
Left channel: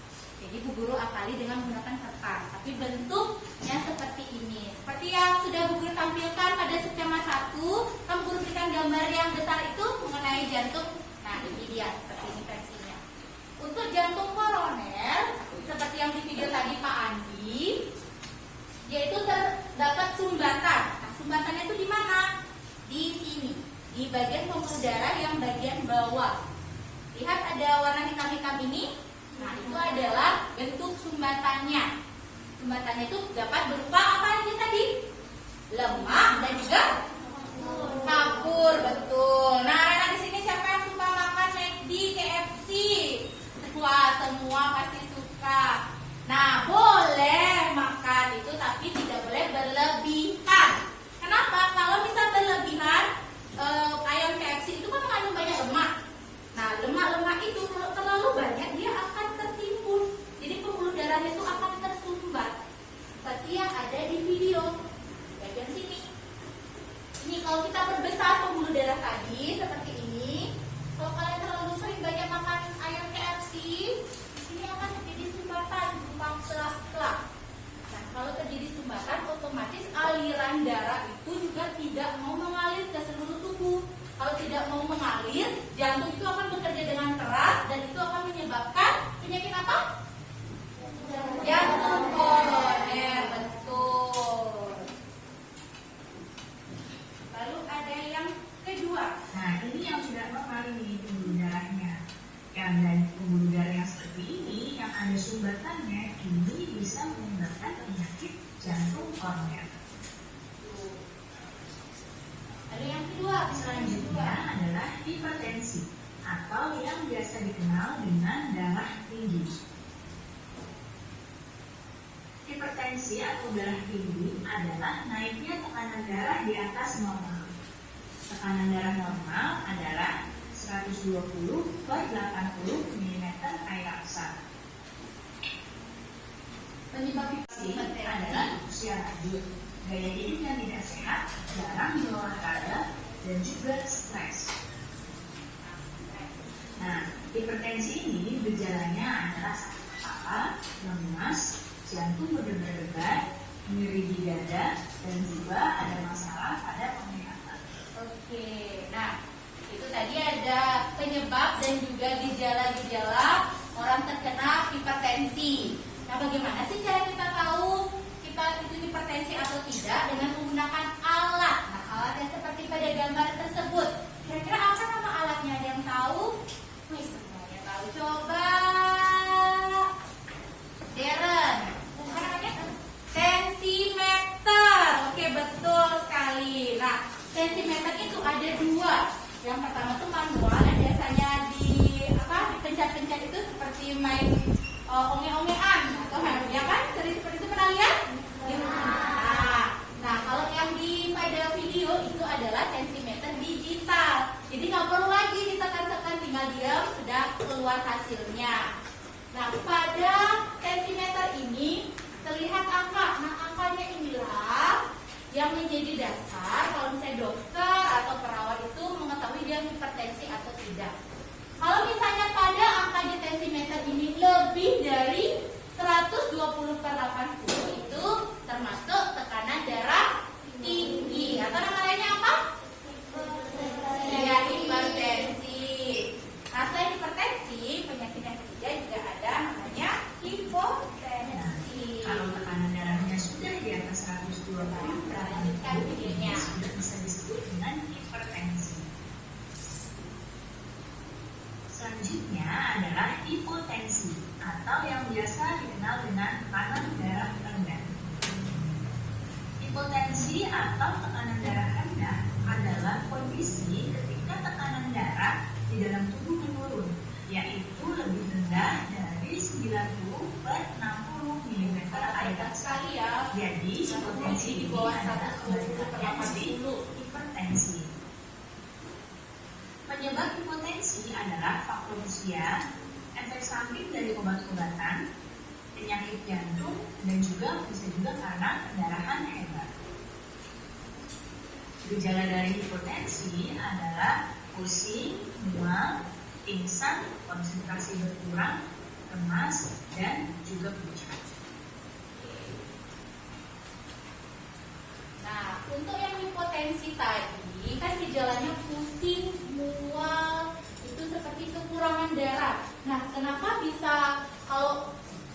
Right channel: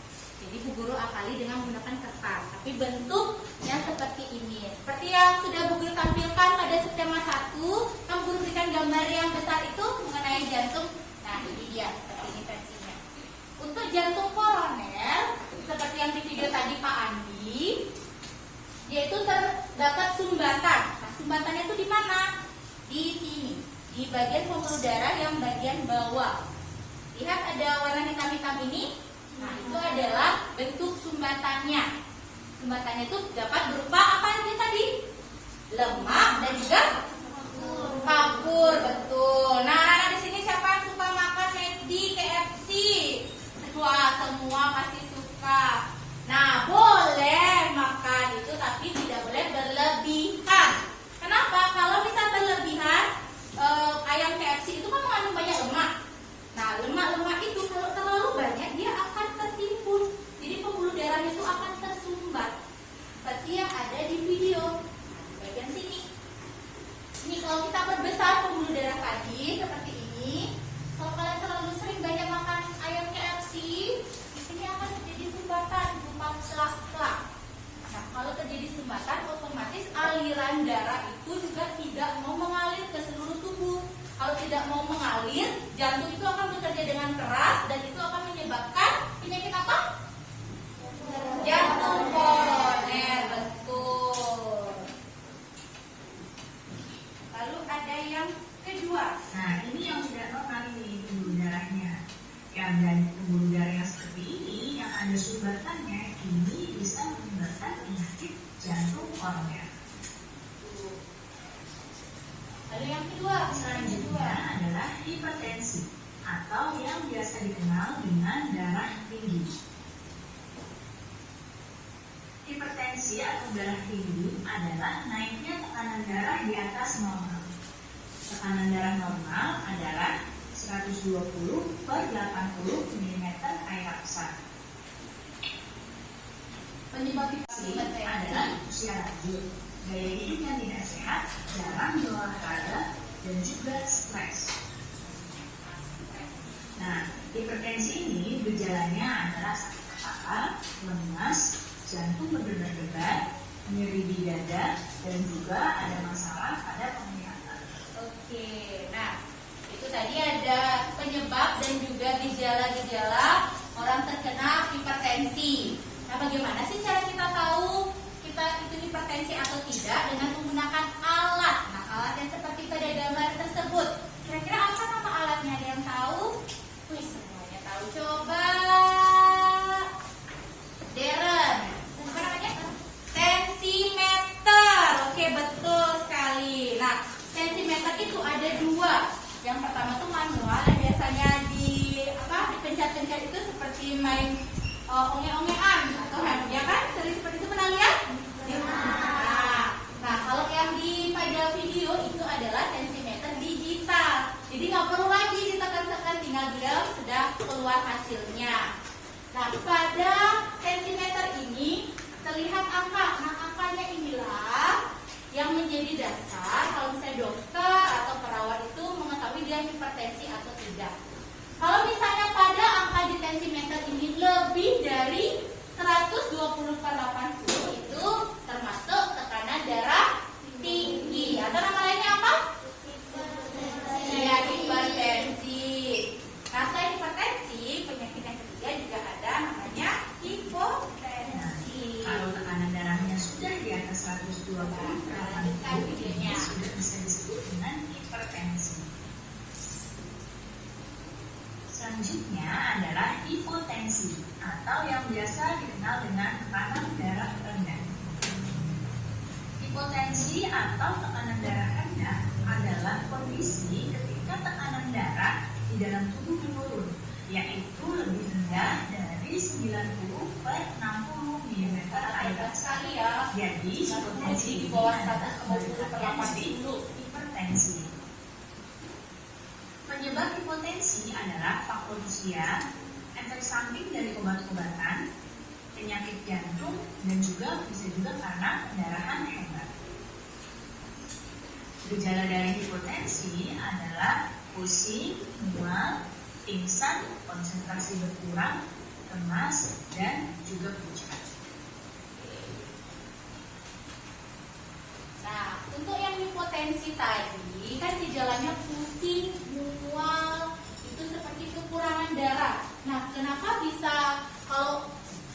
Jadi Bu Guru akali dengan menggunakan kertas, tapi bentuknya seperti ini. Seperti yang sudah Bu Guru tampilkan pada skema 1, kan Bu Guru berikan gambar yang besar itu mengenai jantung. Nah, ini dia seperti ini versinya. Untuk jantung koroner, seperti yang di video tadi Pak Andi, yaitu terdapat sumbatan. Nah, sumbatannya itu di mana? Di sini, di bagian pembuluh darah yang bagian bawah. Lihat ada warna hitam-hitam ini. Nah, itu adalah bentuk sumbatannya. Sumbatannya itu dapat berupa apa aja tadi? Lemak dan juga kapur, betul. Nah, anak di sini siapa yang suka makan McD, KFC? Wah, semua pasti suka. Nah, boleh makan itu, tapi tidak boleh berlebihan. Kenapa? Kalau misal berlebihan, ayam KFC itu kan mengandung banyak lemak. Nah, lemak-lemak itu kalau terlalu banyak dia akan tertimbun. Jadi pembuluh darahnya itu akan tersumbat. Seperti yang ada di video bagian sini. Ini kalau kita perbesar pembuluh darah tadi seperti ini. Kalau kalian terlalu sering banyak makan ayam KFC, di sini akan terjadi sumbatan berupa plak-plak. Nah, kalau terjadi sumbatan, otomatis aliran darah itu juga tidak mau mengalir ke seluruh tubuh. Kalau tidak mau mengalir, jantung itu akan bekerja dengan keras dan itu akan menyebabkan penyakit apa? Jantung koroner, betul. Lalu ada yang kedua. Nah, ini yang tidak normal nih pembuluh darahnya. Yang dari pembuluh darah yang seperti ini, yang ada sumbatannya, ini bisa menyebabkan penyakit jantung koroner. Lalu yang kedua, Selanjutnya adalah hipertensi atau yang biasa dikenal dengan darah tinggi. Hipertensi atau darah tinggi adalah naiknya tekanan darah di atas normal. Tekanan darah normal adalah 120/80 mm air aksa. penyebab Hipertensi adalah usia lanjut, gaya hidup yang tidak sehat, jarang berolahraga, dan juga stres. Nah, hipertensi ini gejalanya adalah sakit kepala, lemas, jantung berdebar-debar, nyeri di dada, dan juga ada masalah pada penglihatan. Oke, nah itu tadi ada penyebab dan juga gejala-gejala orang terkena hipertensi. Nah, bagaimana sih cara kita tahu kita itu hipertensi atau tidak? Dengan menggunakan alat. Nah, alat yang seperti pada gambar tersebut. Kira-kira apa nama alatnya? Ada yang tahu? Wih, semuanya tahu. Coba Darren. Apa namanya? Tensimeter. Oke, betul sekali. Nah, tensimeter itu ada dua. Yang pertama itu manual, yang biasanya dipencet-pencet itu seperti main onge-ongean atau ya kan? Sering seperti itu pernah lihat? Nah, kalau yang di pada video itu adalah tensimeter digital. Jadi nggak perlu lagi ditekan-tekan, tinggal dia sudah keluar hasilnya. Nah, pada tensimeter ini terlihat angka. Nah, angkanya inilah yang menjadi dasar kalau misalnya dokter atau perawat itu mengetahui dia hipertensi atau tidak. Kalau misalnya pada angka di tensimeter ini lebih dari 120/80 itu termasuk tekanan darah tinggi. Atau nama lainnya apa? Ya, hipertensi. Nah, selain hipertensi, penyakit yang ketiga juga ada namanya hipotensi. Kalau tekanan darahnya sudah di atas 120/80, ini sudah bisa disebut dengan hipertensi. Selanjutnya adalah hipotensi atau yang biasa dikenal dengan tekanan darah rendah. Hipotensi atau tekanan darah rendah adalah kondisi ketika tekanan darah di dalam tubuh menurun, yaitu lebih rendah dari 90/60 mm air sekali ya. Jadi hipotensi di bawah adalah 120/80 hipertensi. Penyebab hipotensi adalah faktor usia, efek samping dari obat-obatan, penyakit jantung, dan bisa juga karena pendarahan hebat. Gejala dari hipotensi adalah pusing, mual, pingsan, konsentrasi berkurang, lemas, dan juga pucat. Nah, untuk yang hipotensi tadi kan gejalanya pusing, mual, itu seperti kekurangan darah. Nah, kenapa bisa kalau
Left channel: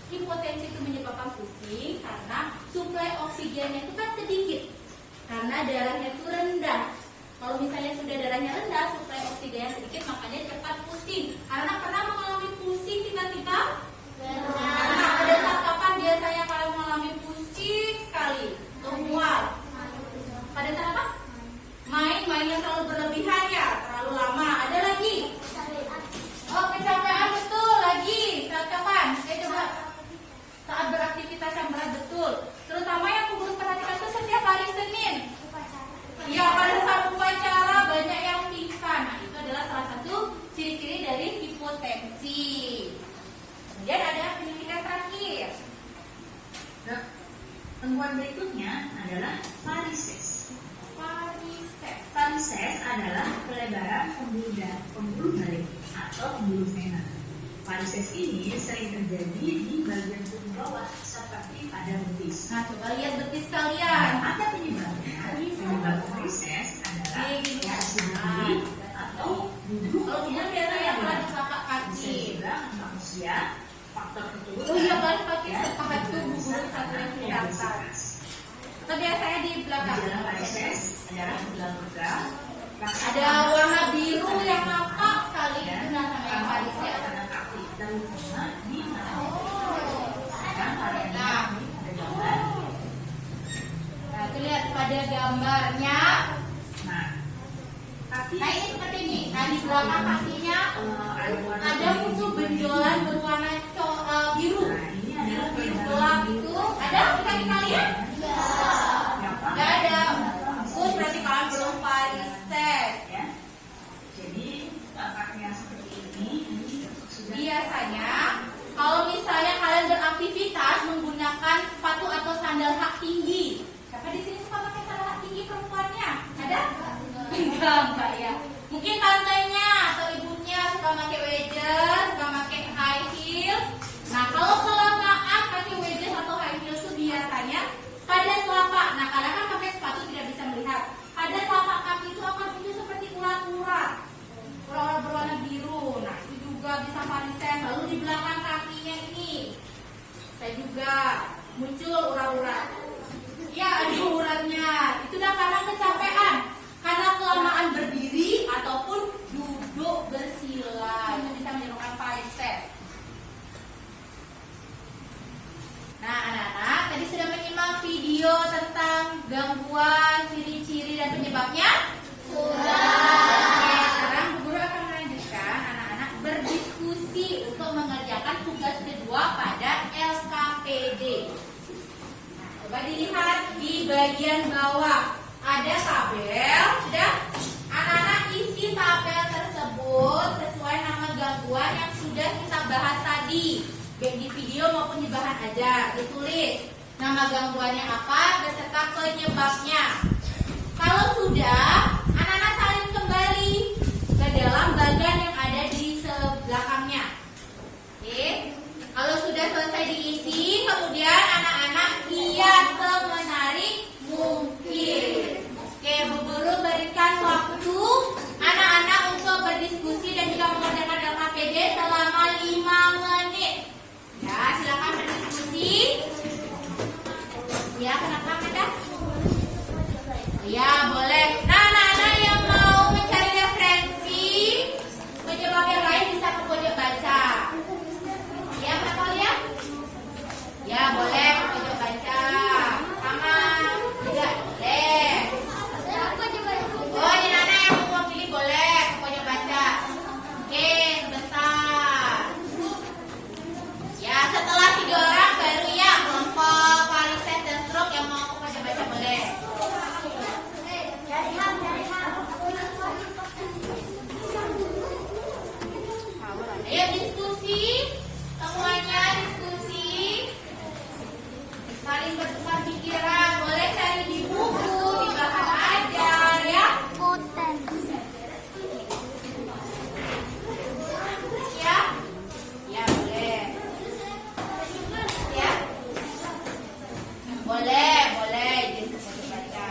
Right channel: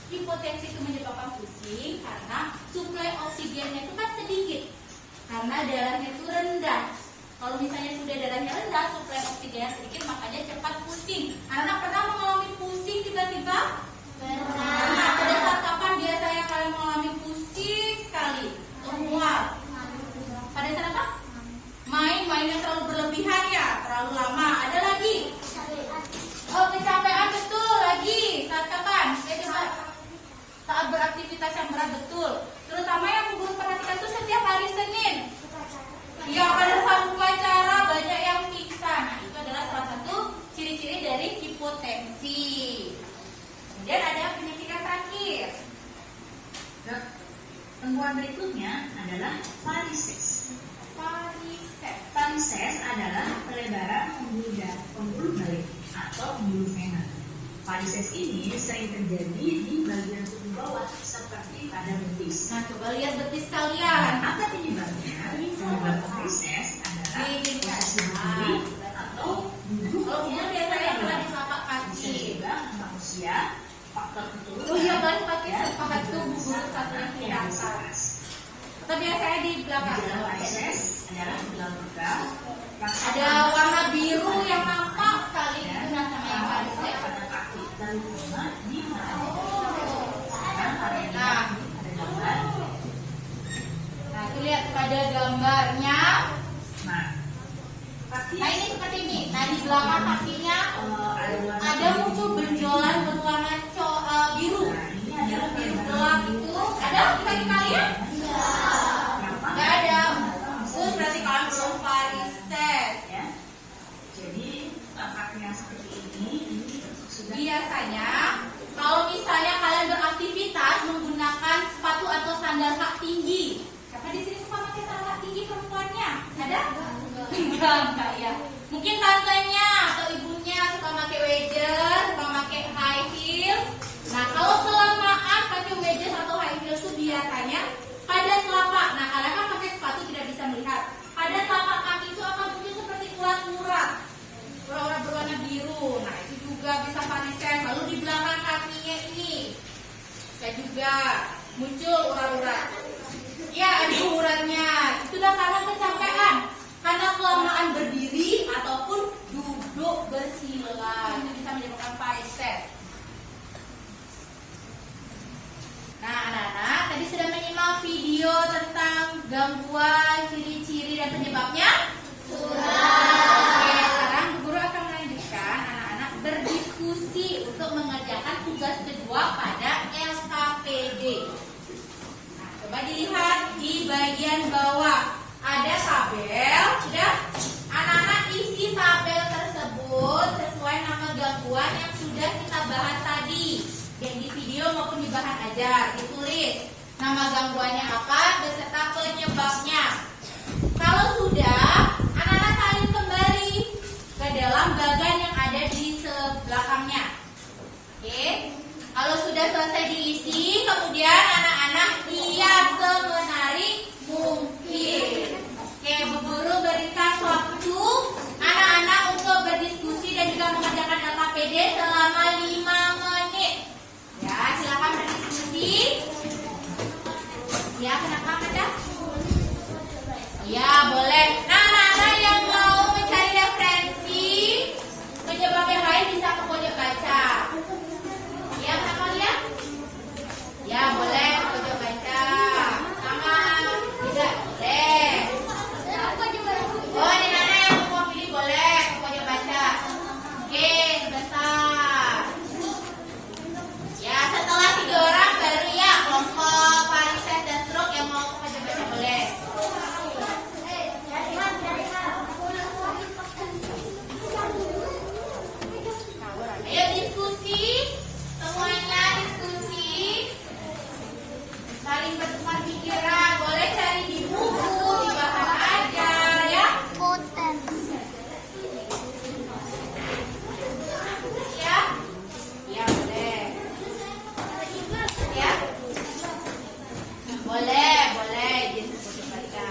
hipotensi itu menyebabkan pusing? Karena suplai oksigennya itu kan sedikit. Karena darahnya itu rendah. Kalau misalnya sudah darahnya rendah, suplai oksigennya sedikit, makanya cepat pusing. Anak pernah mengalami pusing tiba-tiba? Nah, pada saat kapan biasanya kalian mengalami pusing sekali? Mual. Pada saat apa? Main yang terlalu berlebihan ya, terlalu lama. Ada lagi? Oh, kecapean, betul. Lagi saat kapan? Saat beraktivitas yang berat, betul. Terutama yang guru perhatikan itu setiap hari Senin. Ya, pada saat upacara banyak yang pingsan. Nah, itu adalah salah satu ciri-ciri dari hipotensi. Kemudian ada penyuntikan terakhir. Dok, temuan berikutnya adalah varises. Varises adalah pelebaran pembuluh balik atau pembuluh vena. Varises ini sering terjadi di bagian tubuh bawah seperti pada betis. Nah, coba lihat betis kalian. Apa penyebabnya? Penyebab varises adalah infeksi berdiri atau duduk. Oh, dia biasanya pada di telapak Bisa kaki. juga manusia, faktor keturunan. Oh iya, kan pakai dan telapak juga tubuh dasar satu yang yang kelihatan. bersifat. Tapi biasanya di belakang. Gejala varises adalah luka-luka, Ada warna biru yang nampak sekali itu namanya varises. pada kaki terutama di mana? Nah, pada gambar. Nah, itu lihat pada gambarnya. Nah, kaki Nah, ini seperti ini. Nah, di belakang kakinya ada muncul benjolan berwarna biru. Biru gelap itu. Ada di kaki kalian? Nggak ada. Terus berarti kalian belum varises. ya. Jadi kaki yang seperti ini sudah Biasanya kalau misalnya kalian beraktivitas menggunakan sepatu atau sandal hak tinggi. Siapa di sini suka pakai sandal hak tinggi perempuannya? Ada? Enggak ya. Mungkin tantenya atau ibunya suka pakai wedges, suka pakai high heels. Nah, kalau kelamaan pakai wedges atau high heels itu biasanya pada telapak. Nah, kalian kan pakai sepatu tidak bisa melihat. Pada telapak kaki itu akan muncul seperti urat-urat. Urat-urat berwarna biru. Nah, itu juga bisa varises. Lalu di belakang kakinya ini saya juga muncul urat-urat. Ya, ada uratnya. Itu udah karena kecapean, karena kelamaan berdiri ataupun duduk bersila. Itu bisa menyebabkan varises. Nah, anak-anak tadi sudah menyimak video tentang gangguan, ciri-ciri dan penyebabnya? Oke, sekarang Bu Guru akan melanjutkan anak-anak berdiskusi untuk mengerjakan tugas kedua pada LKPD. Nah, coba dilihat di bagian bawah ada tabel. Sudah, anak-anak isi tabel tersebut sesuai nama gangguan yang sudah kita bahas tadi, baik di video maupun di bahan ajar. Ditulis nama gangguannya apa beserta penyebabnya. Kalau sudah, anak-anak salin kembali ke dalam bagan yang ada di sebelakangnya. Oke. Kalau sudah selesai diisi, kemudian anak-anak hias semenarik mungkin. Oke, Bu Guru berikan waktu anak-anak untuk berdiskusi dan juga mengerjakan LKPD selama 5 menit. Ya, silakan berdiskusi. Ya, kenapa ada? Ya, boleh. Nah, anak-anak yang mau mencari referensi penyebab yang lain bisa ke pojok baca. Ya, kenapa lihat? Ya, boleh ke pojok baca. Sama juga boleh. Oh, di mana yang mau pilih boleh ke pojok baca. Oke, sebentar. Ya, setelah 3 orang baru ya kelompok varises dan stroke yang mau ke pojok baca boleh. Ayo diskusi, semuanya diskusi, saling bertukar pikiran, boleh cari di buku, di bahan ajar ya. Ya, ya boleh. Boleh, izin dibaca.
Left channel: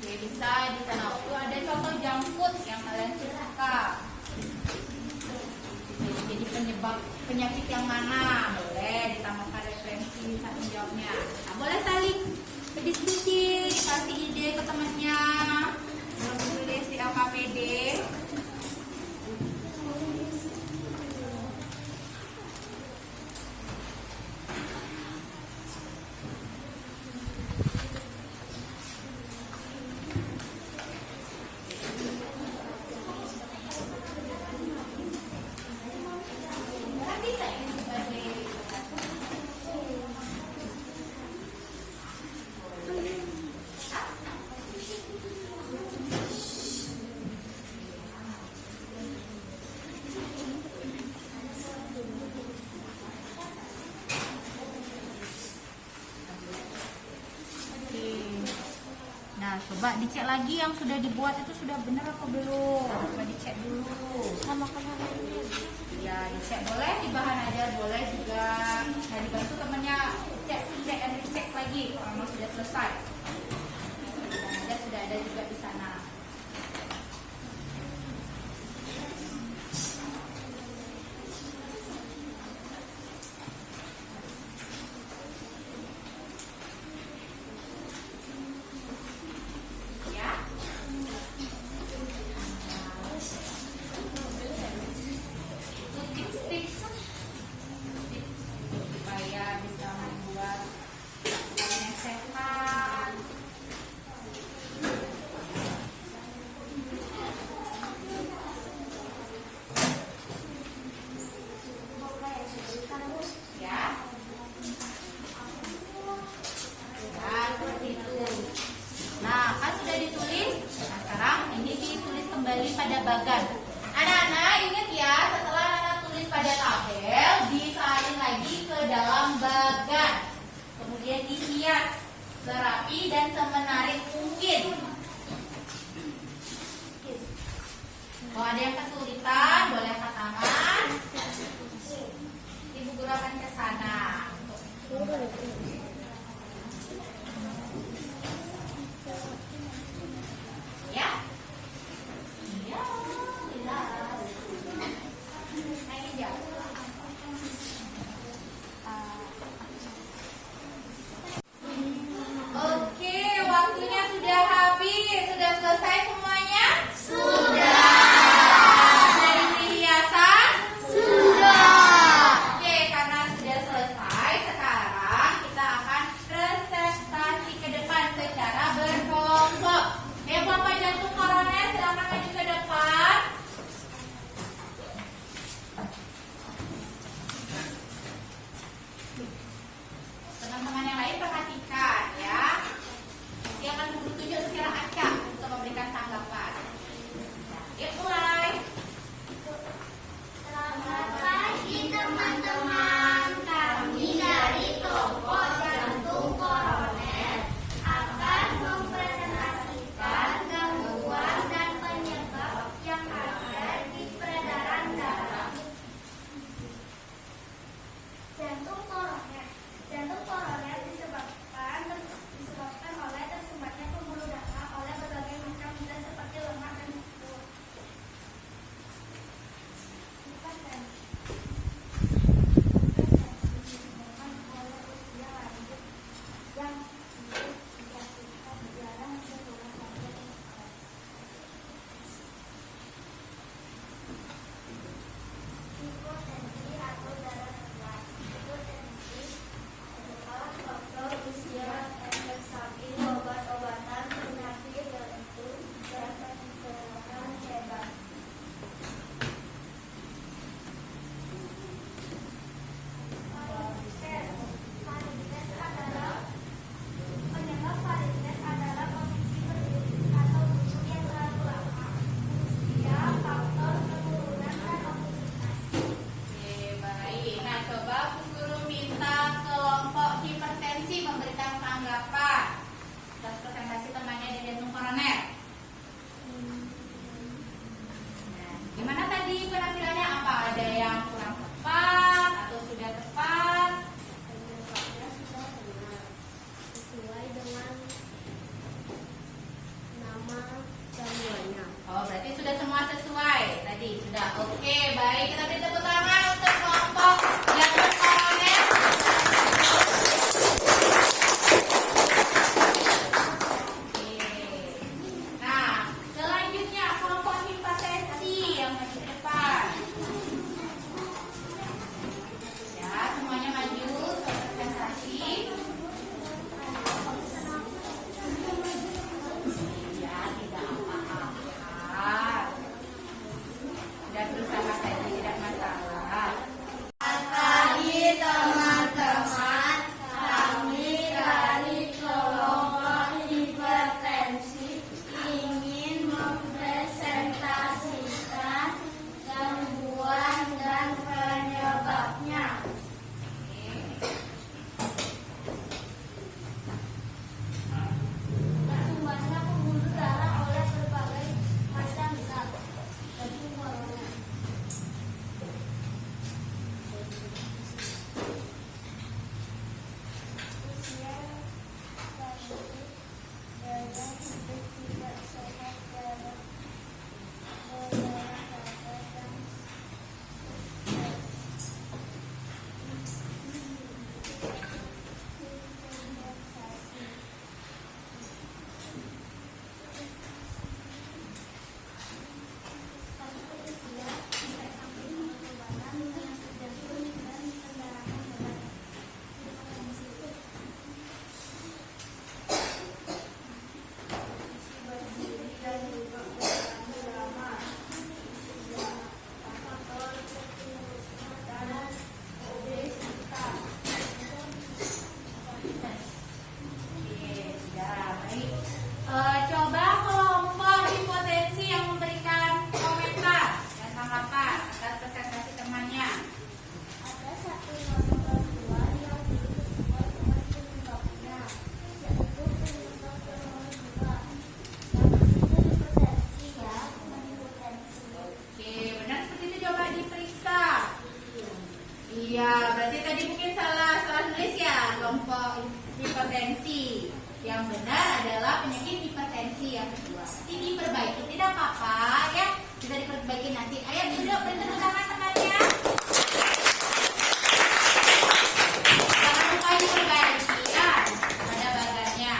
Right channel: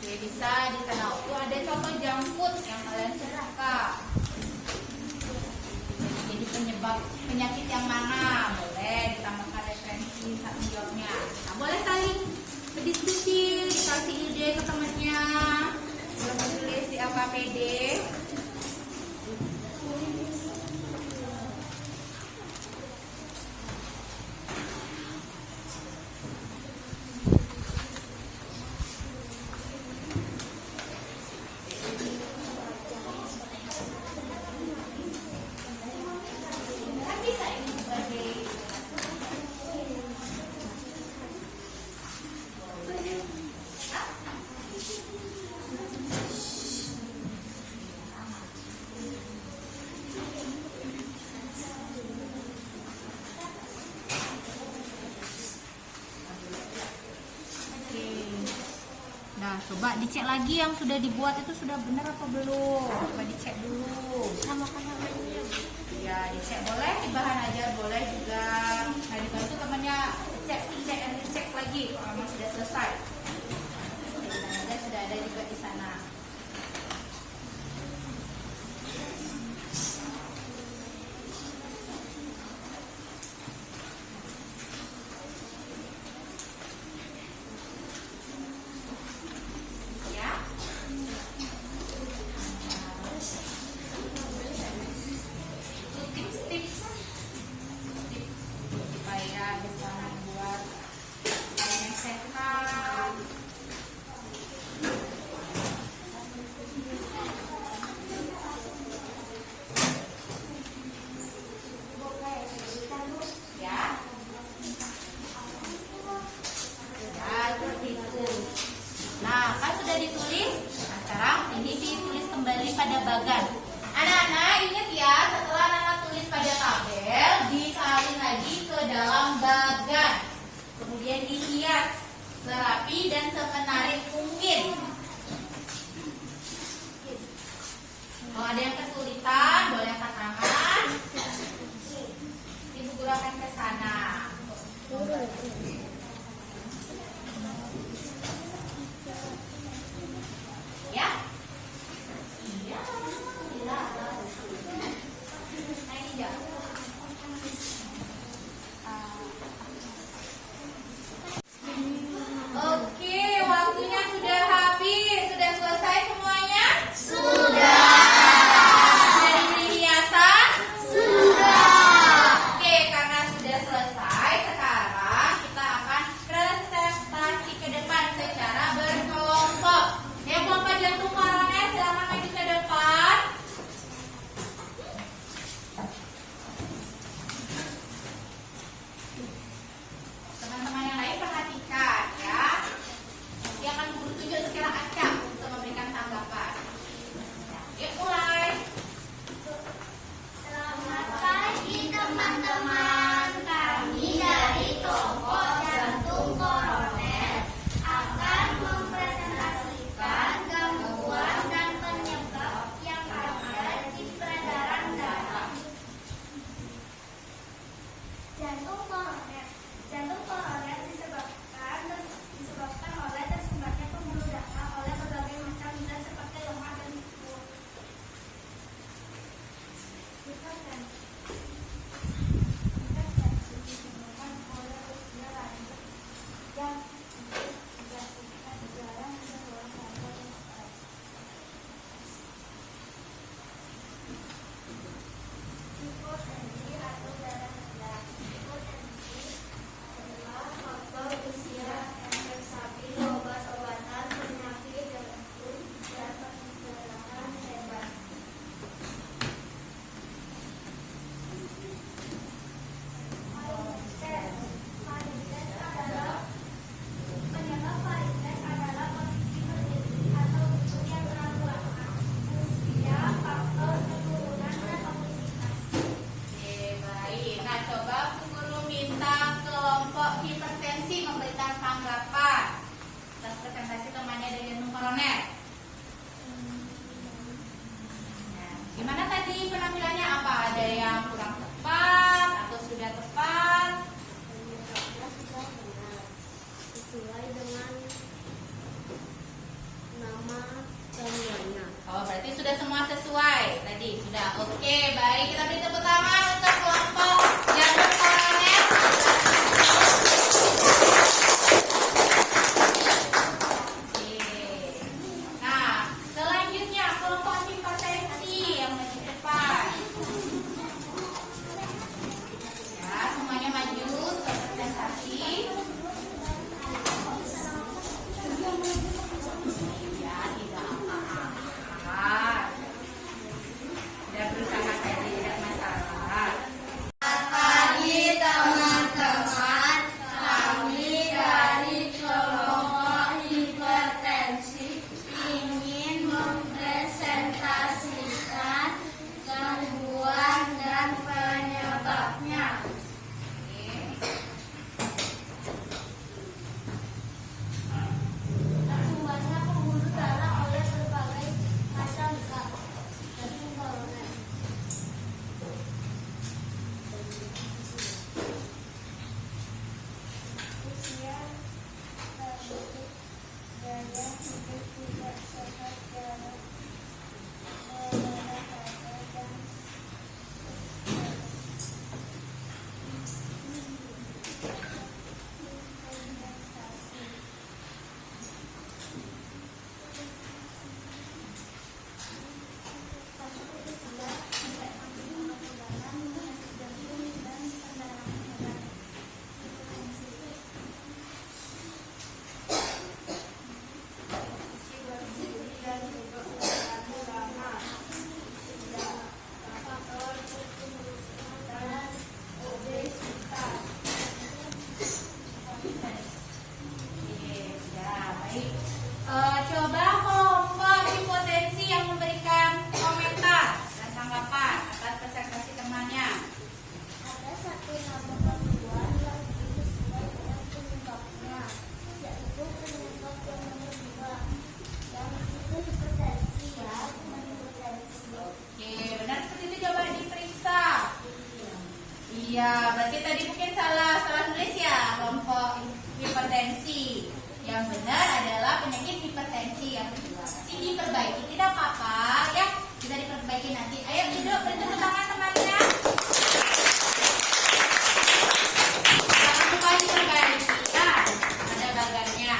Oke, bisa di sana itu ada contoh junk food yang kalian suka. Jadi penyebab penyakit yang mana? Boleh ditambahkan referensi tanggung jawabnya. Nah, boleh saling berdiskusi, dikasih ide ke temannya, menulis di LKPD. Nah, coba dicek lagi yang sudah dibuat itu sudah benar apa belum? Coba dicek dulu. Sama namanya. Ya, dicek boleh di bahan ajar, boleh juga. Nah, dibantu temannya cek lagi kalau memang sudah selesai. Dan sudah ada juga di sana. Ya. Tips supaya bisa membuat makanan yang sehat. Ya. Ya, seperti itu. Nah, kan sudah ditulis. Nah, sekarang ini ditulis kembali pada bagan. Anak-anak ingat ya, setelah anak tulis pada tabel, disalin lagi ke dalam bagan. Kemudian dihias serapi dan semenarik mungkin. Kalau ada yang kesulitan, boleh angkat tangan. Ibu guru akan ke sana. Ya. Iya. Oke, waktunya Coba kelompok hipotensi yang memberikan komentar dan tanggapan atas presentasi temannya. Ada satu nama bantuan yang sesuai dengan penyebabnya, yaitu penyebab yang nomor 2. Yang itu hipotensi ya, bukan hipotensi. Oke, benar seperti itu, coba diperiksa. Iya, berarti tadi mungkin salah nulis ya, kelompok hipertensi. Yang benar adalah penyakit hipertensi yang kedua. Nanti diperbaiki, tidak apa-apa ya, bisa diperbaiki nanti. Ayo duduk, beri tepuk tangan temannya. Jangan lupa diperbaiki, nah, ada baganya.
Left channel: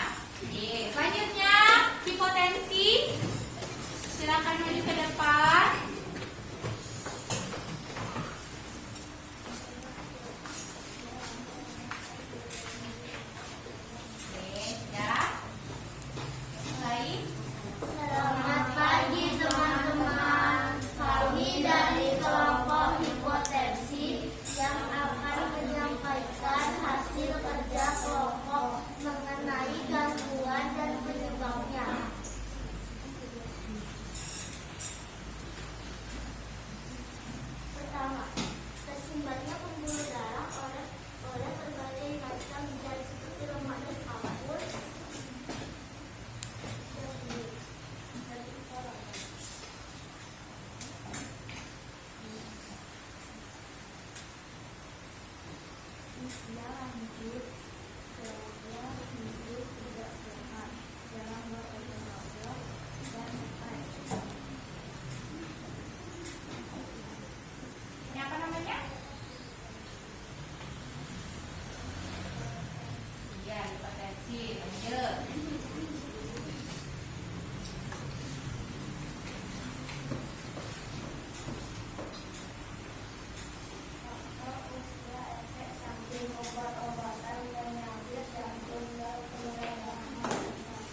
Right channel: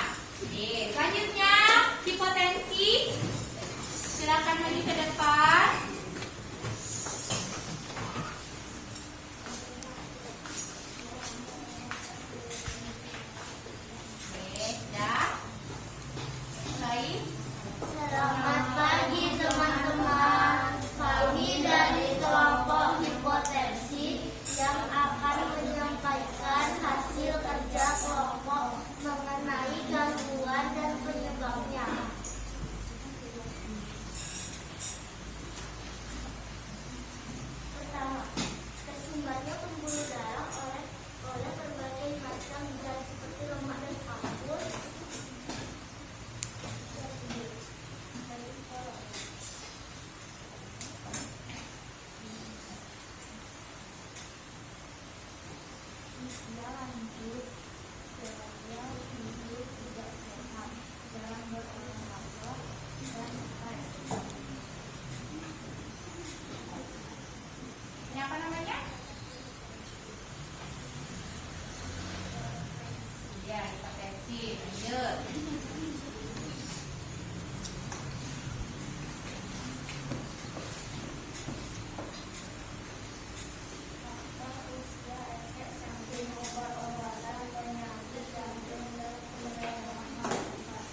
Oke, selanjutnya hipotensi. Silakan maju ke depan. Selamat pagi teman-teman. Kami dari kelompok hipotensi yang akan menyampaikan hasil kerja kelompok mengenai gangguan dan penyebabnya. Pertama, tersumbatnya pembuluh darah oleh berbagai macam zat seperti lemak dan kapur. Usia lanjut, gaya hidup tidak sehat, jarang berolahraga, dan makan. Ini apa namanya? Ya, hipotensi. Lanjut. Faktor usia, efek samping obat-obatan, penyakit jantung dan kelainan mental.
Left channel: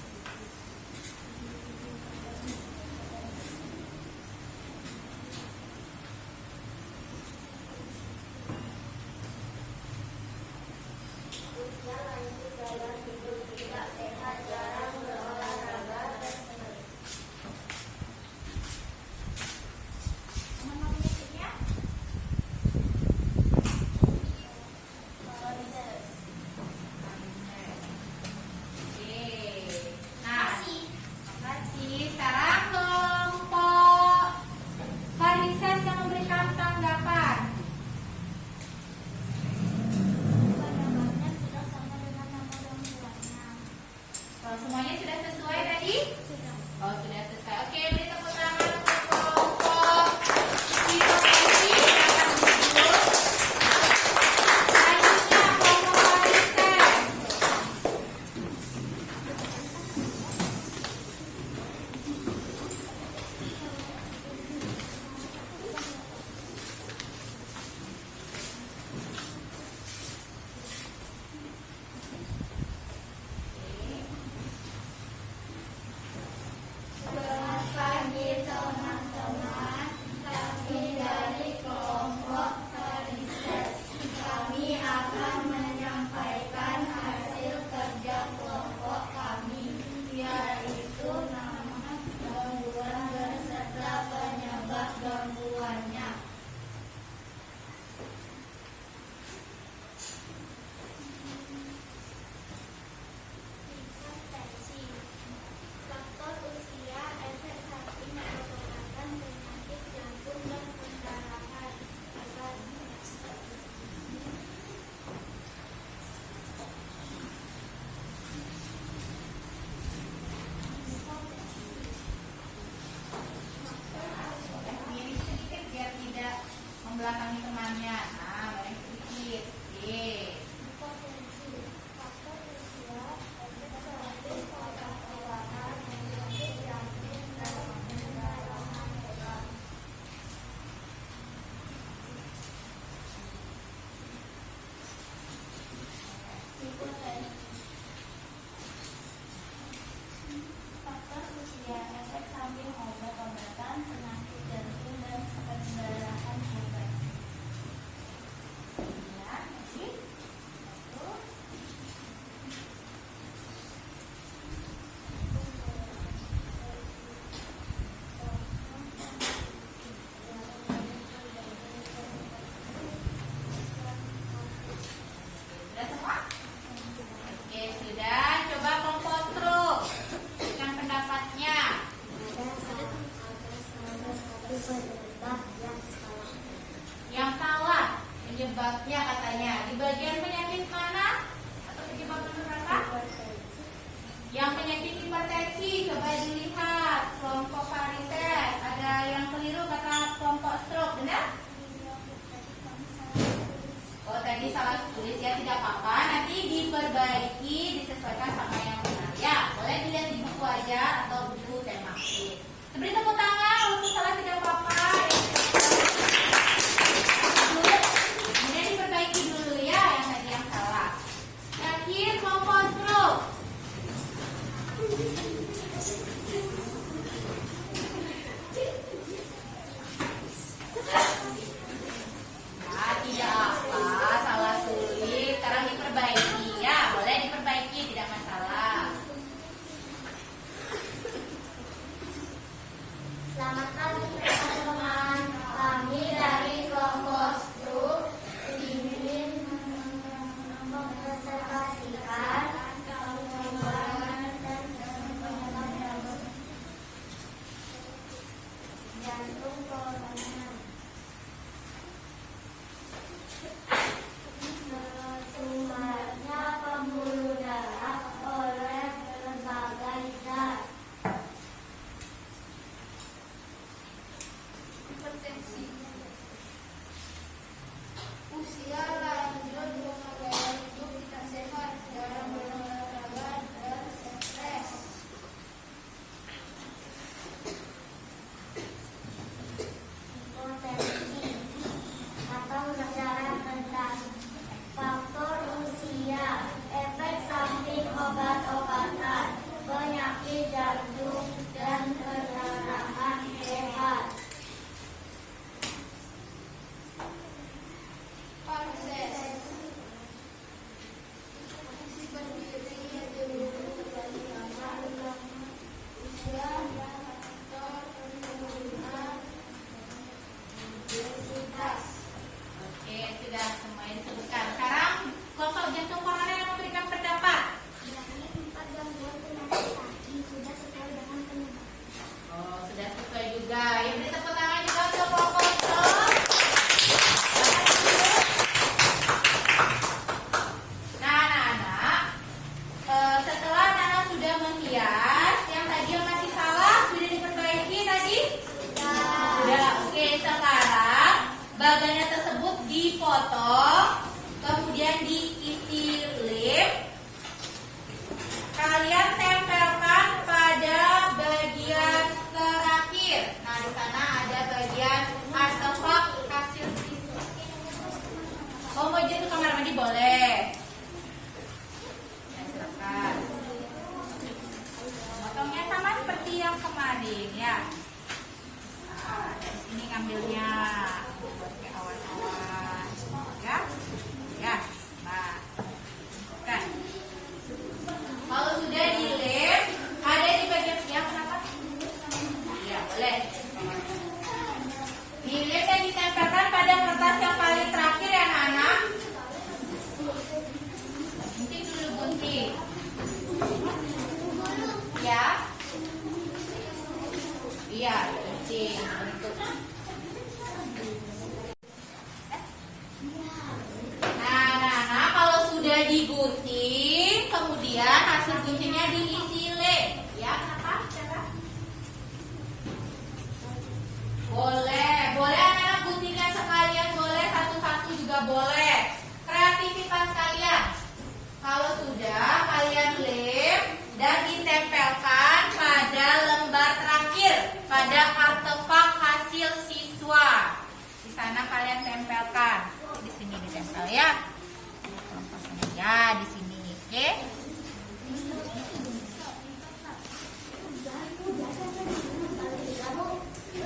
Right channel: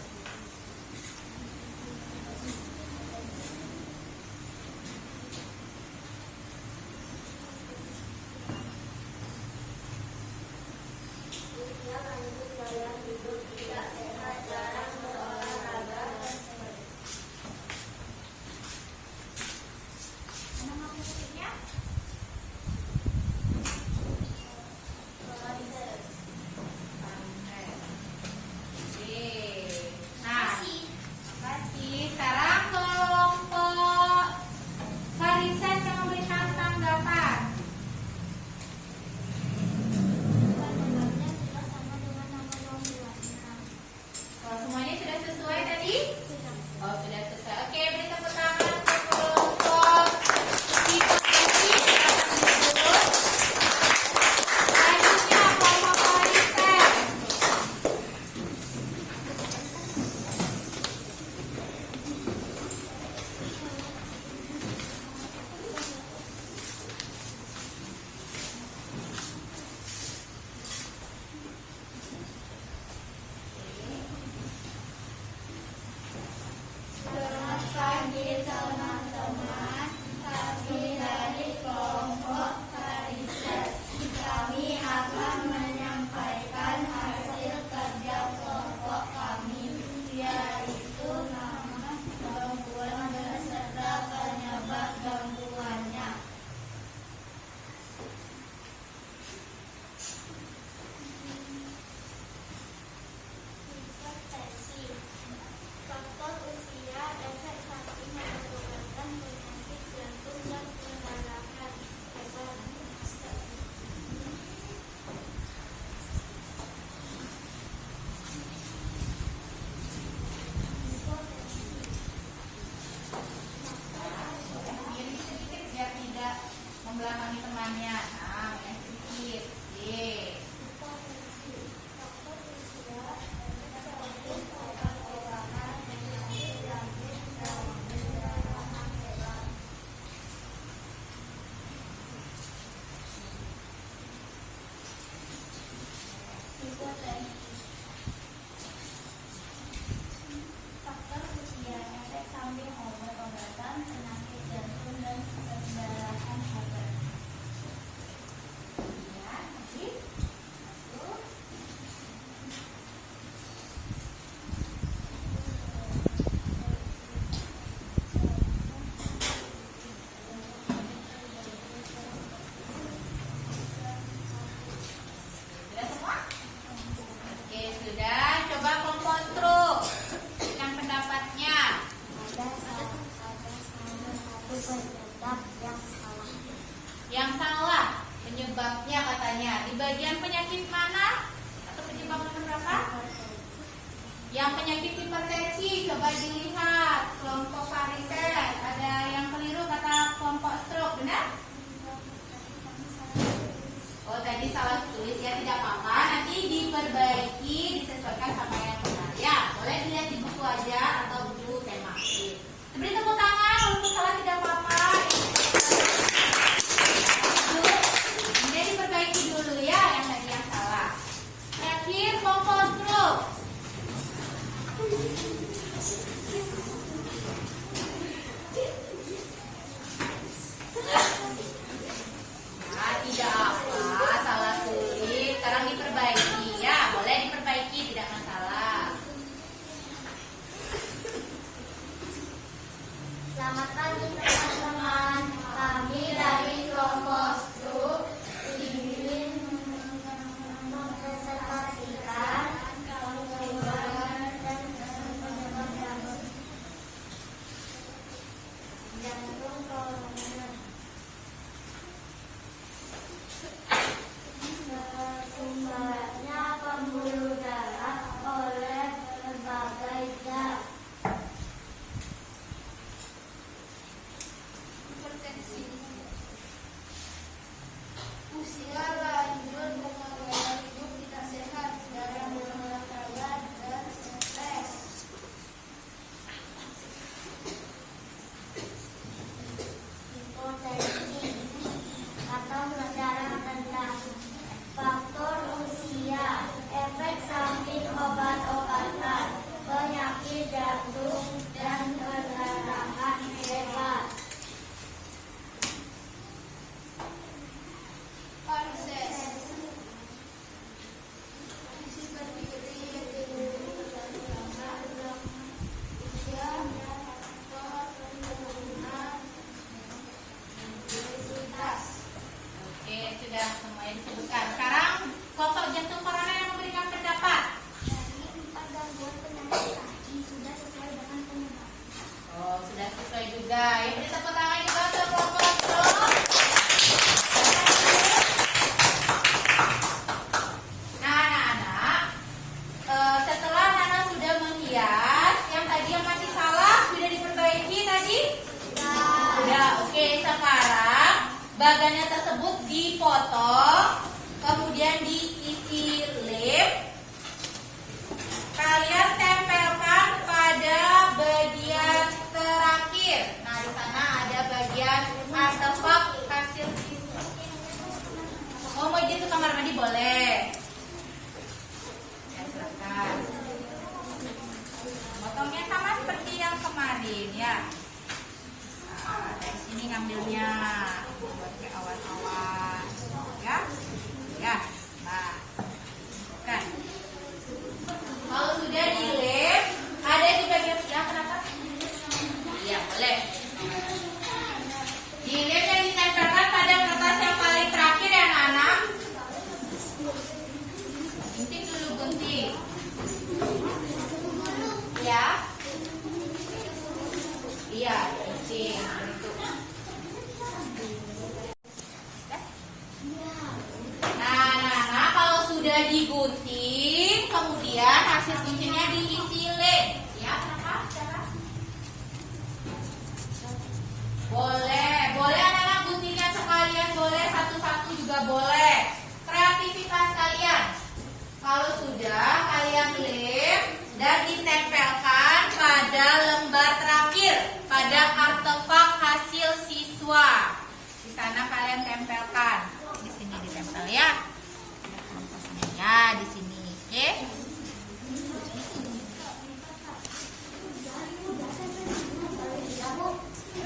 Usia lanjut, gaya hidup tidak sehat, jarang berolahraga, dan sebagainya. Nama musiknya? Nah, makasih. Sekarang kelompok Farises yang memberikan tanggapan. Penyebabnya sudah sama dengan nama nomornya. Semuanya sudah sesuai tadi? Sudah. Oh, sudah sesuai. Oke, beri tepuk tangan untuk kelompok hipotensi. Selanjutnya kelompok Farises. Selamat pagi teman-teman. Kami dari kelompok Farises. Kami akan menyampaikan hasil kerja kelompok kami, yaitu nama gangguan beserta penyebab gangguannya. Hipertensi. Faktor usia, efek samping obat-obatan, penyakit jantung dan pendarahan. Miring sedikit biar tidak membelakangi temannya. Nah, miring sedikit. Hipotensi. Faktor usia, efek samping obat-obatan, penyakit jantung dan pendarahan hebat. Hipotensi. Faktor usia, efek samping obat-obatan, penyakit jantung dan pendarahan hebat. Beri tepuk tangan, walaupun salah tidak apa-apa. Kemudian diperbaiki dulu ya yang tadi yang salah. Terakhir kompos truk. Nah, tidak apa, salah tulis. Sekarang diperbaiki ya, boleh diperbaiki, tidak masalah. Selamat pagi teman-teman, kami dari Kompos Group ingin mempresentasikan pengeluaran dan penyebab jantung koroner. Sumbernya pembuluh darah oleh berbagai zat. Hipertensi, usia lanjut dengan gaya hidup tidak sehat, jarang berolahraga dan stres. Hipertensi atau darah rendah, faktor usia, efek samping obat-obatan, penyakit jantung dan perdarahan hebat. Panses, kondisi berdiri yang dulu terlalu usia, faktor penurunan densitas. Oke, sudah semuanya disebutkan. Sekarang kelompok jantung koroner yang memberikan pendapat. Dari 4 gangguan pernapasan ini sudah sesuai dengan penyebab. Oh, sudah sesuai juga. Ya, beri tepuk tangan juga untuk kelompok truk. Nah, anak-anak, setelah Nana sudah menghias, yang tadi yang masih salah sudah diperbaiki tadi? Sudah. Oke, sekarang bagannya tersebut dipotong, kemudian diisi lem. Kalian tempelkan pada bagian terakhir. Nah, di sana ada bagian artefak hasil siswa. Oh, mau gitu kamar mandi boleh. Ya, silakan. Potongnya sama seperti yang kemarin ya. Nah, dari sini ngambilnya buat kayak awan-awan, ya, ya. Nah, kan. Kalau sudah dilem, ada di bagian yang kenapa? Iya, boleh. Dilem dan ditempelkan pada kertas yang paling terakhir ya, anak-anak. Gunting dulu, gunting. Ya. Iya, gunting. Nah, kalau sudah digunting, kemudian hasil guntingnya diisi lem. Ya, kenapa? Boleh anak-anak guntingkan sekalian, boleh satu-satu juga boleh. Kreativitas kalian. Kalau sudah, kalian lem dan ditempelkan pada lembar terakhir, pada artefak hasil siswa. Di sana kalian tempelkan. Di sini ditempel ya. Ya, di sini. Oke.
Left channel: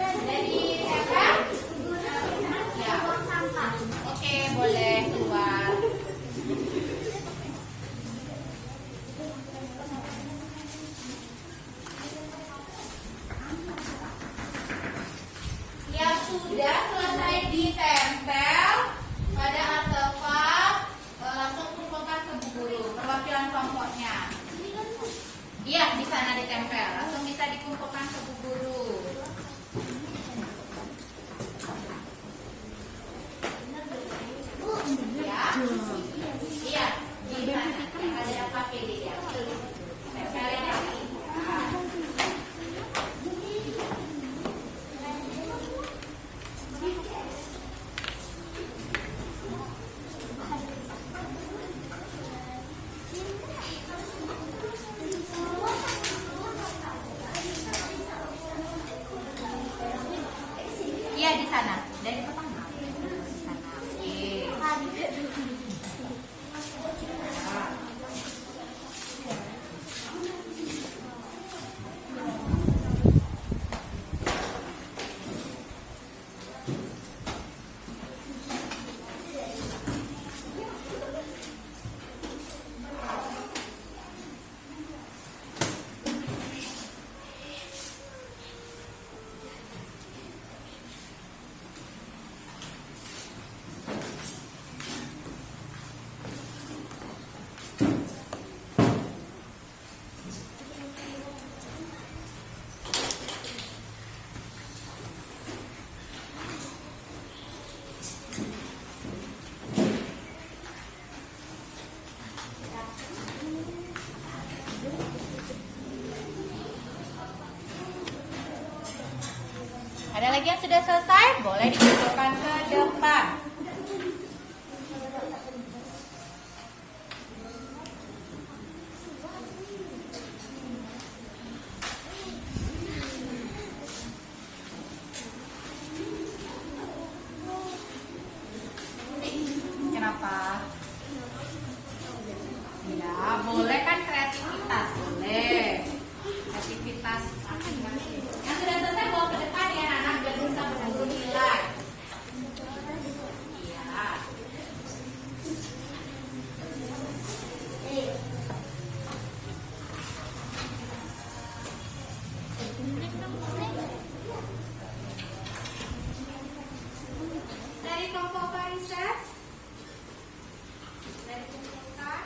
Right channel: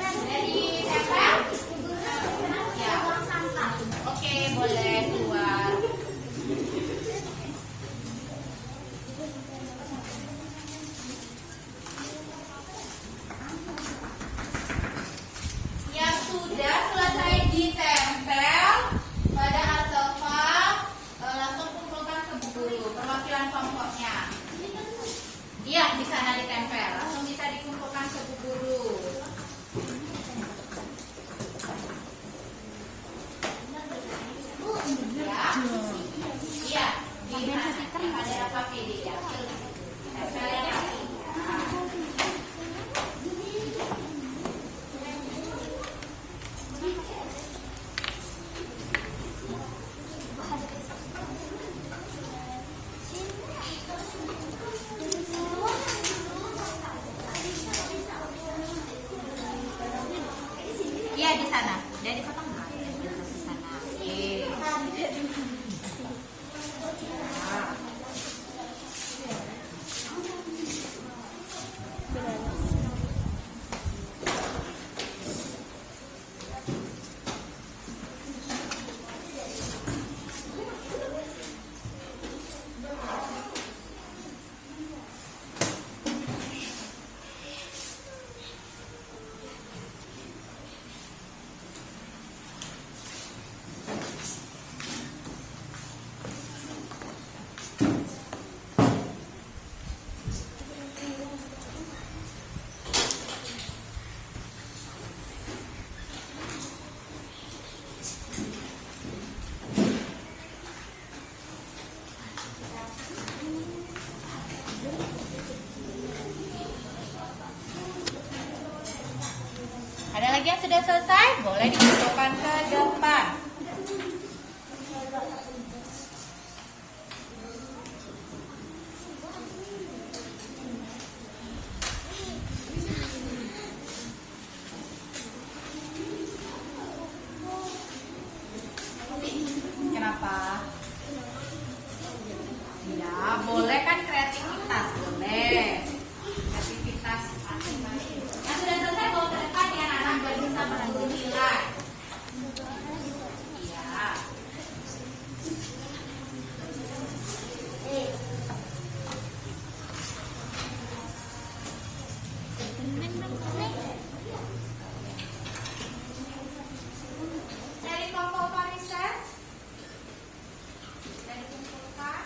Jadi, tempel? Ya. Oke, boleh keluar. Yang sudah selesai ditempel pada artefak, langsung kumpulkan ke buku. Perwakilan kelompok sudah selesai, boleh dikumpulkan ke depan. Kenapa? Ya, boleh kan kreativitas, boleh. Kreativitas. Yang sudah selesai bawa ke depan ya anak-anak biar bisa berburu nilai. Iya. Dari kelompok riset, dari kumpulkan.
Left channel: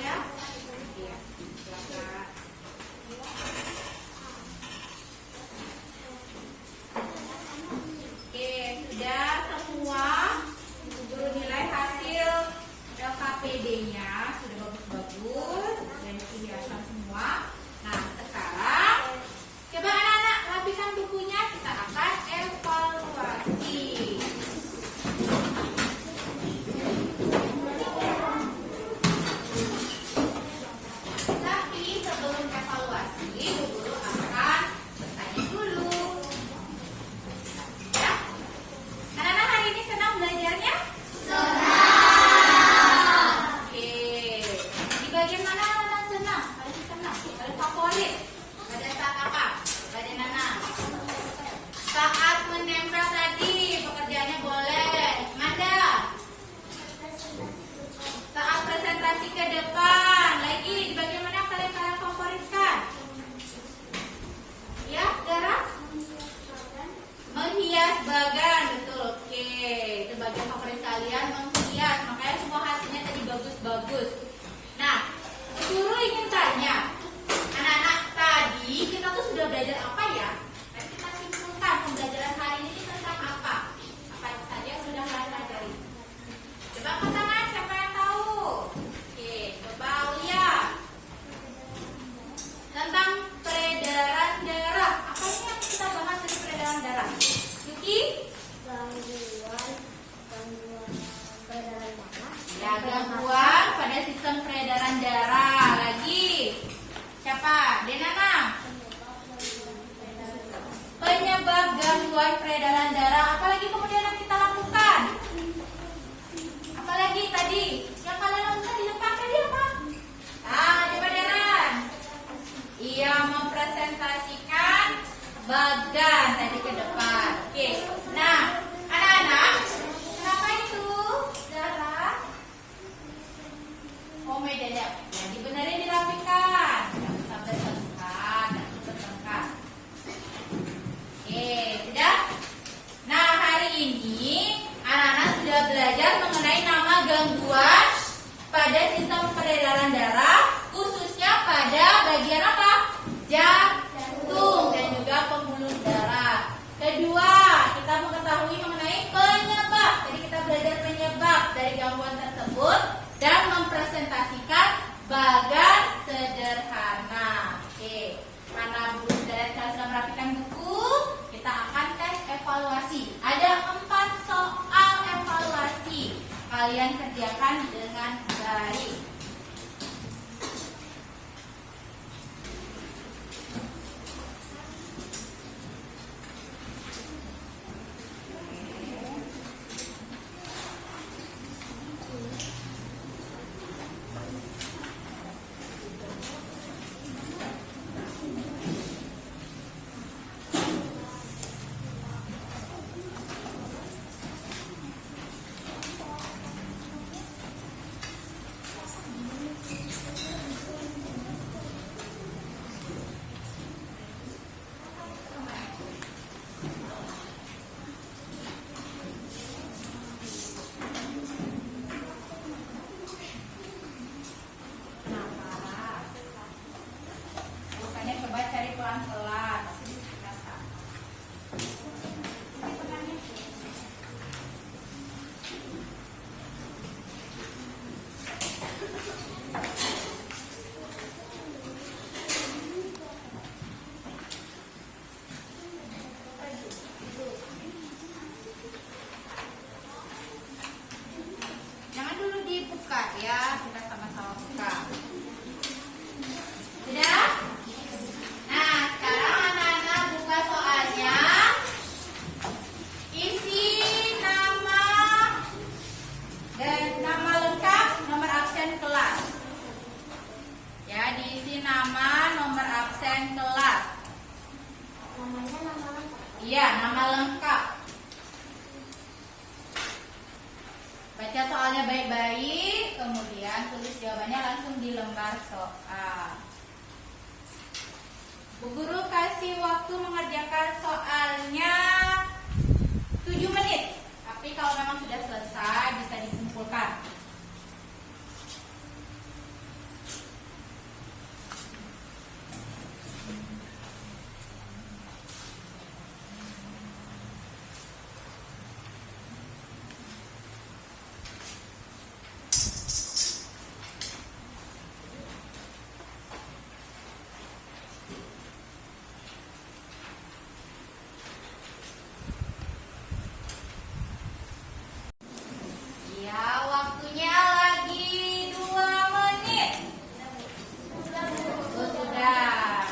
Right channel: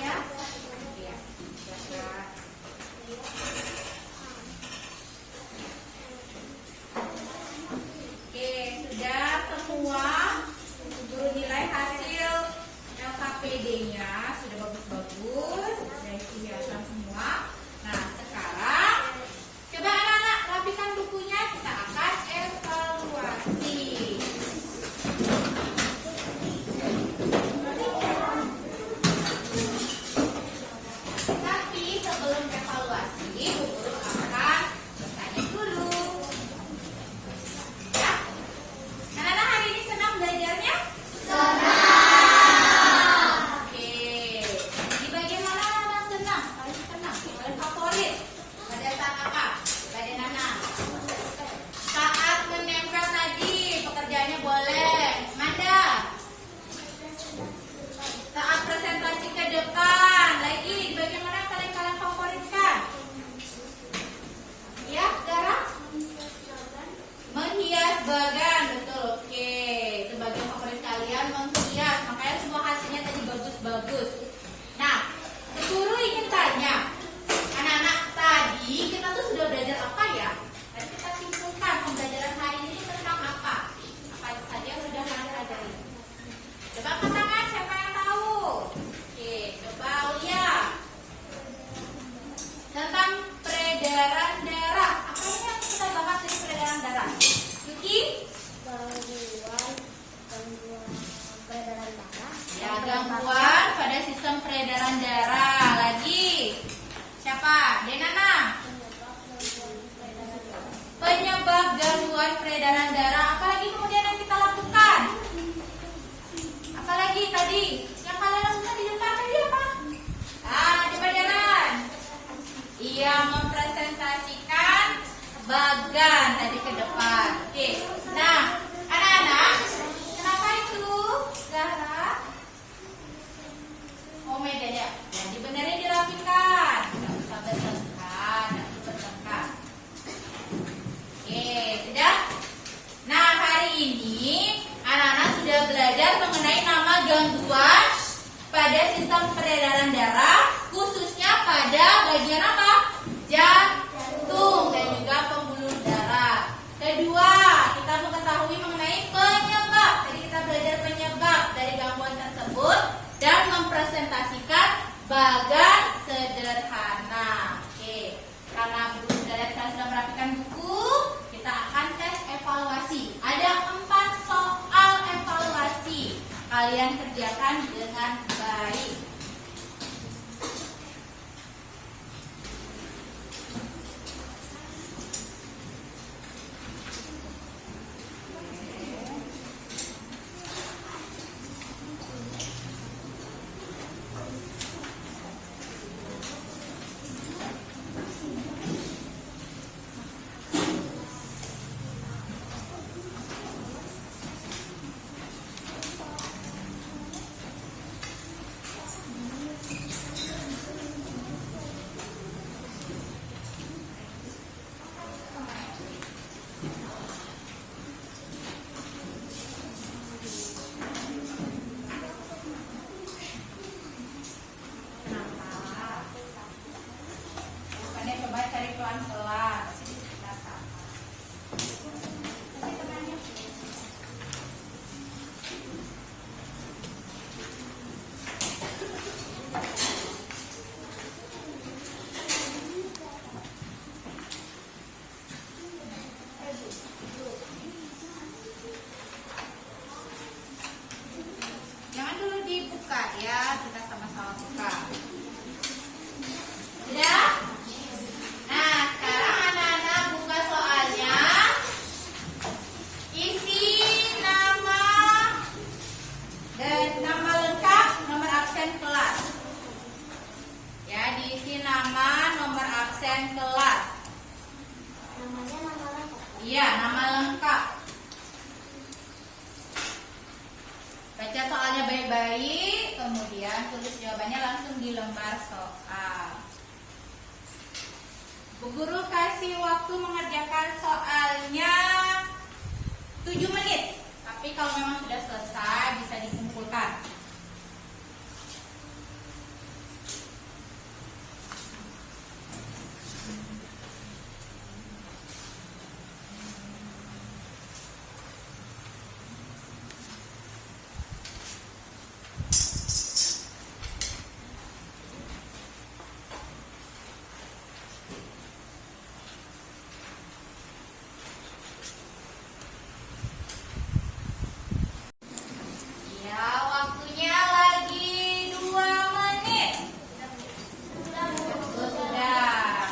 Ya, iya, silakan. Oke, sudah semua guru nilai hasil LKPD-nya sudah bagus-bagus, sudah kelihatan semua. Nah, sekarang coba anak-anak rapikan bukunya, kita akan evaluasi. Tapi sebelum evaluasi, guru akan bertanya dulu. Ya, anak-anak hari ini senang belajarnya? Oke, di bagian mana anak-anak senang? Paling senang, paling favorit. Pada saat apa? Pada Nana. Saat menempel tadi, pekerjaannya boleh. Manda. Saat presentasi ke depan, lagi di bagian mana yang paling kalian favoritkan? Ya, Dara? Menghias bagan, betul. Oke, itu bagian favorit kalian menghias. Makanya semua hasilnya tadi bagus-bagus. Nah, guru ingin tanya, anak-anak tadi kita tuh sudah belajar apa ya? Mari kita simpulkan pembelajaran hari ini tentang apa? Apa saja yang sudah kalian pelajari? Coba angkat tangan, siapa yang tahu? Oke, coba lihat tentang peredaran darah. Apa ini yang kita bahas dari peredaran darah? Yuki? Gangguan peredaran darah. Ya, gangguan pada sistem peredaran darah. Lagi siapa? Denana. Penyebab gangguan peredaran darah. Apalagi kemudian yang kita lakukan? Apalagi tadi yang kalian lakukan di depan tadi apa? Coba jalan. Iya, mempresentasikan bagan tadi ke depan. Oke. Nah, anak-anak, kenapa itu? Darah. Oh, medanya. Jadi benerin dirapikan. Tidak usah bertengkar, tidak bertengkar. Oke, sudah? Nah, hari ini anak-anak sudah belajar mengenai nama gangguan pada sistem peredaran darah, khususnya pada bagian apa? Jantung dan juga pembuluh darah. Kedua, kita mengetahui mengenai penyebab. Tadi kita belajar penyebab dari gangguan tersebut dan mempresentasikan bagan sederhana. Oke, karena guru dan kalian sudah merapikan buku, kita akan tes evaluasi. Ada 4 soal evaluasi. Kalian kerjakan dengan baik. baik-baik, kemudian tulis jawabannya langsung di lembar soal. Bu Guru kasih waktu mengerjakan soalnya 7 menit. Tapi kalau memang sudah selesai bisa disimpulkan. Ya, waktunya lagi 2 menit. Oh, sudah.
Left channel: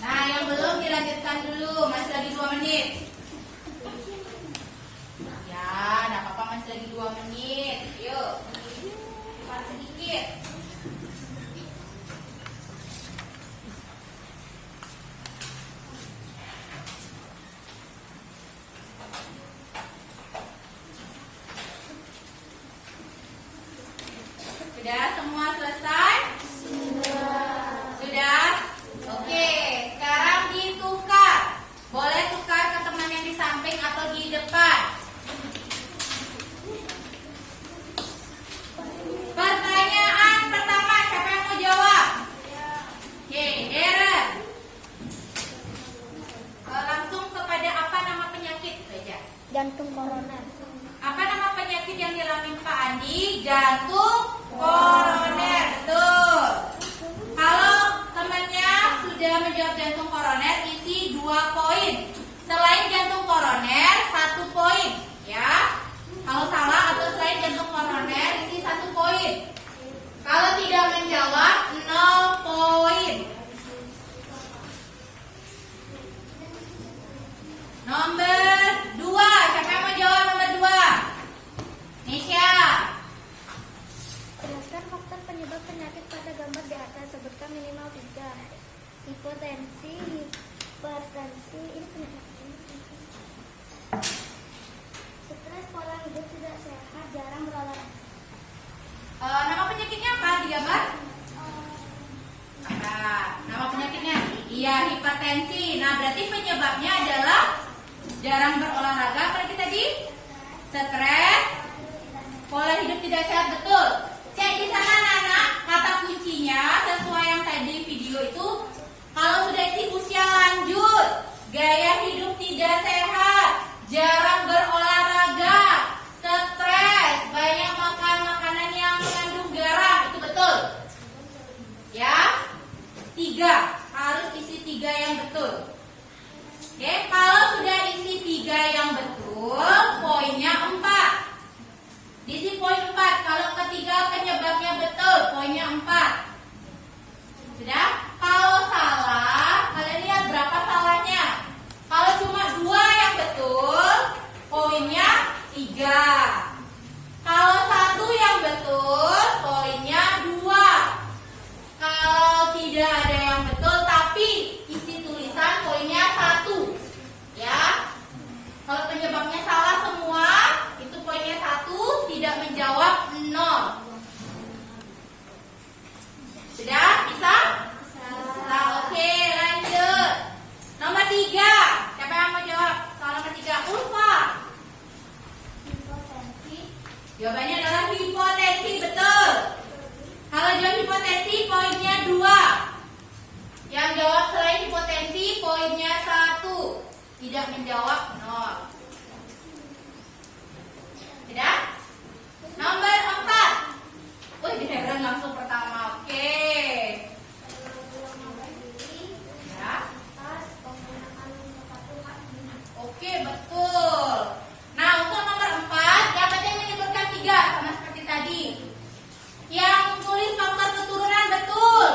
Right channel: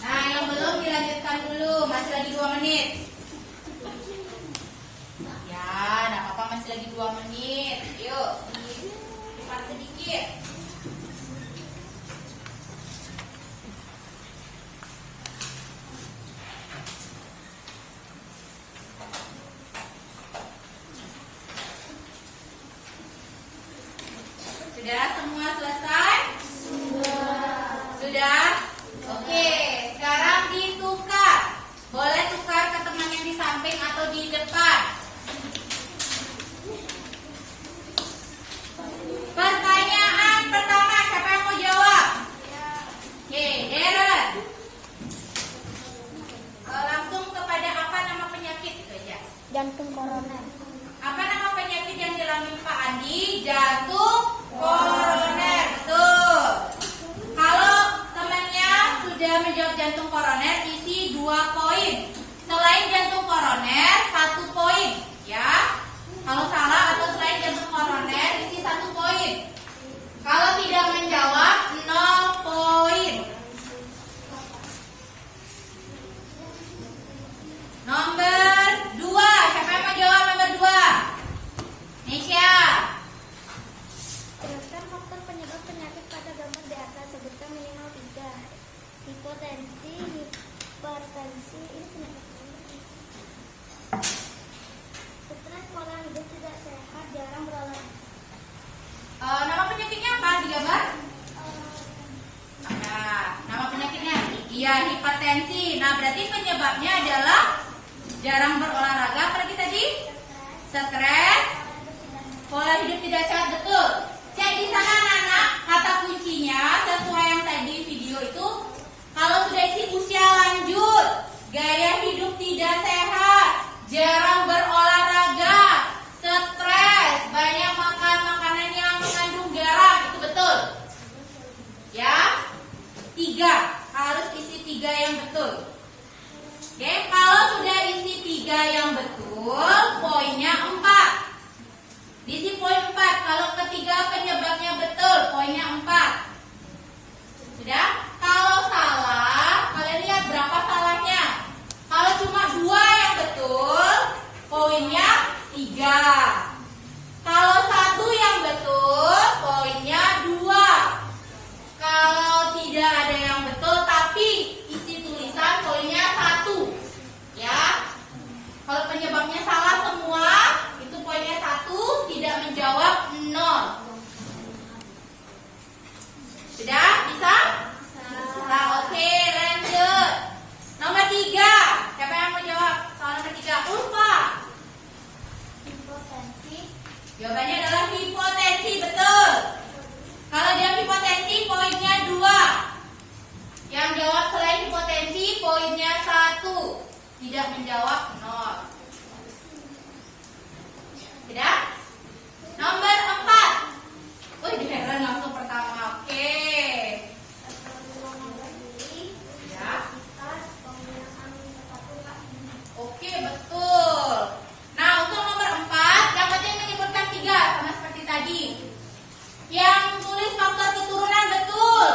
Nah, yang belum dilanjutkan dulu, masih lagi 2 menit. Ya, nggak apa-apa, masih lagi 2 menit. Yuk, cepat sedikit. Sudah semua selesai? Sudah? Oke, sekarang ditukar. Boleh tukar ke teman yang di samping atau di depan. Pertanyaan pertama, siapa yang mau jawab? Oke, Darren. Langsung kepada apa nama penyakit? Baca. Jantung koroner. Apa nama penyakit yang dialami Pak Andi? Jantung koroner. Betul. Kalau temannya sudah menjawab jantung koroner, isi 2 poin. Selain jantung koroner, 1 poin. Ya. Kalau salah atau selain jantung koroner, isi 1 poin. Kalau tidak menjawab, 0 poin. Nomor 2, siapa yang mau jawab nomor 2? Nisha. Jelaskan faktor penyebab penyakit pada gambar di atas. Sebutkan minimal 3. Hipotensi, hipertensi, ini penyakit. Stres, pola hidup tidak sehat, jarang berolahraga. Nama penyakitnya apa di gambar? Nah, nama penyakitnya? Iya, hipertensi. Nah, berarti penyebabnya adalah jarang berolahraga. Apalagi tadi? Stres, pola hidup tidak sehat. Betul. Cek di sana anak-anak, kata kuncinya sesuai yang tadi video itu. Kalau sudah isi usia lanjut, gaya hidup tidak sehat, jarang berolahraga, stres, banyak makan makanan yang mengandung garam, itu betul. Ya, 3 harus isi 3 yang betul. Oke, kalau sudah isi 3 yang betul, poinnya 4. Diisi poin 4. Kalau ketiga penyebabnya betul, poinnya 4. Sudah? Kalau salah, kalian lihat berapa salahnya. Kalau cuma 2 yang betul, poinnya 3. Kalau 1 yang betul, poinnya 2. Kalau tidak ada yang betul tapi isi tulisan, poinnya 1. Ya. Kalau penyebabnya salah semua, itu poinnya 1, tidak menjawab 0. Sudah? Bisa? Bisa. Oke, lanjut. Nomor 3. Siapa yang mau jawab soal nomor 3? Ulfa. Hipotensi, Jawabannya adalah hipotensi, betul. Kalau jawab hipotensi, poinnya 2. Yang jawab selain hipotensi, poinnya 1. Tidak menjawab 0. Tidak? Nomor 4. Wih, di Heron langsung pertama. Oke. Ya. Oke, betul. Nah, untuk nomor 4, yang penting menyebutkan 3 sama seperti tadi. Yang tulis faktor keturunan betul,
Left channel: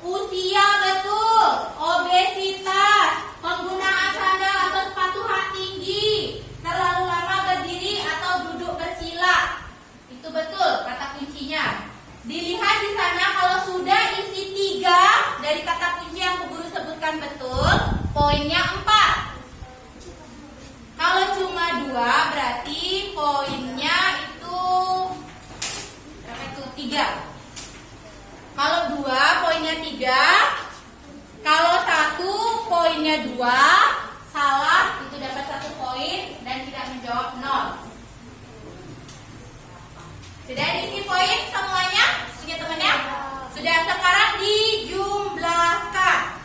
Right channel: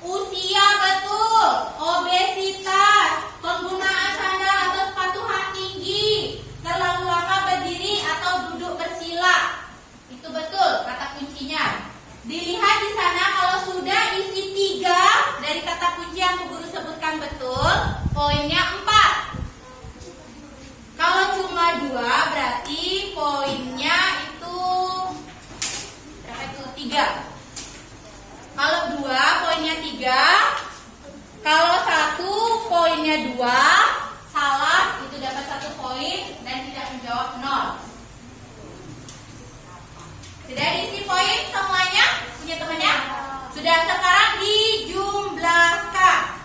usia betul, obesitas, penggunaan sandal atau sepatu hak tinggi, terlalu lama berdiri atau duduk bersila. Itu betul kata kuncinya. Dilihat di sana kalau sudah isi 3 dari kata kunci yang Bu Guru sebutkan betul, poinnya 4. Kalau cuma 2 berarti poinnya itu 3. Kalau 2 poinnya 3. Kalau 1 poinnya 2. Salah, itu dapat 1 poin dan tidak menjawab 0. Sudah diisi poin semuanya? Punya temannya? Sudah, sekarang dijumlahkan.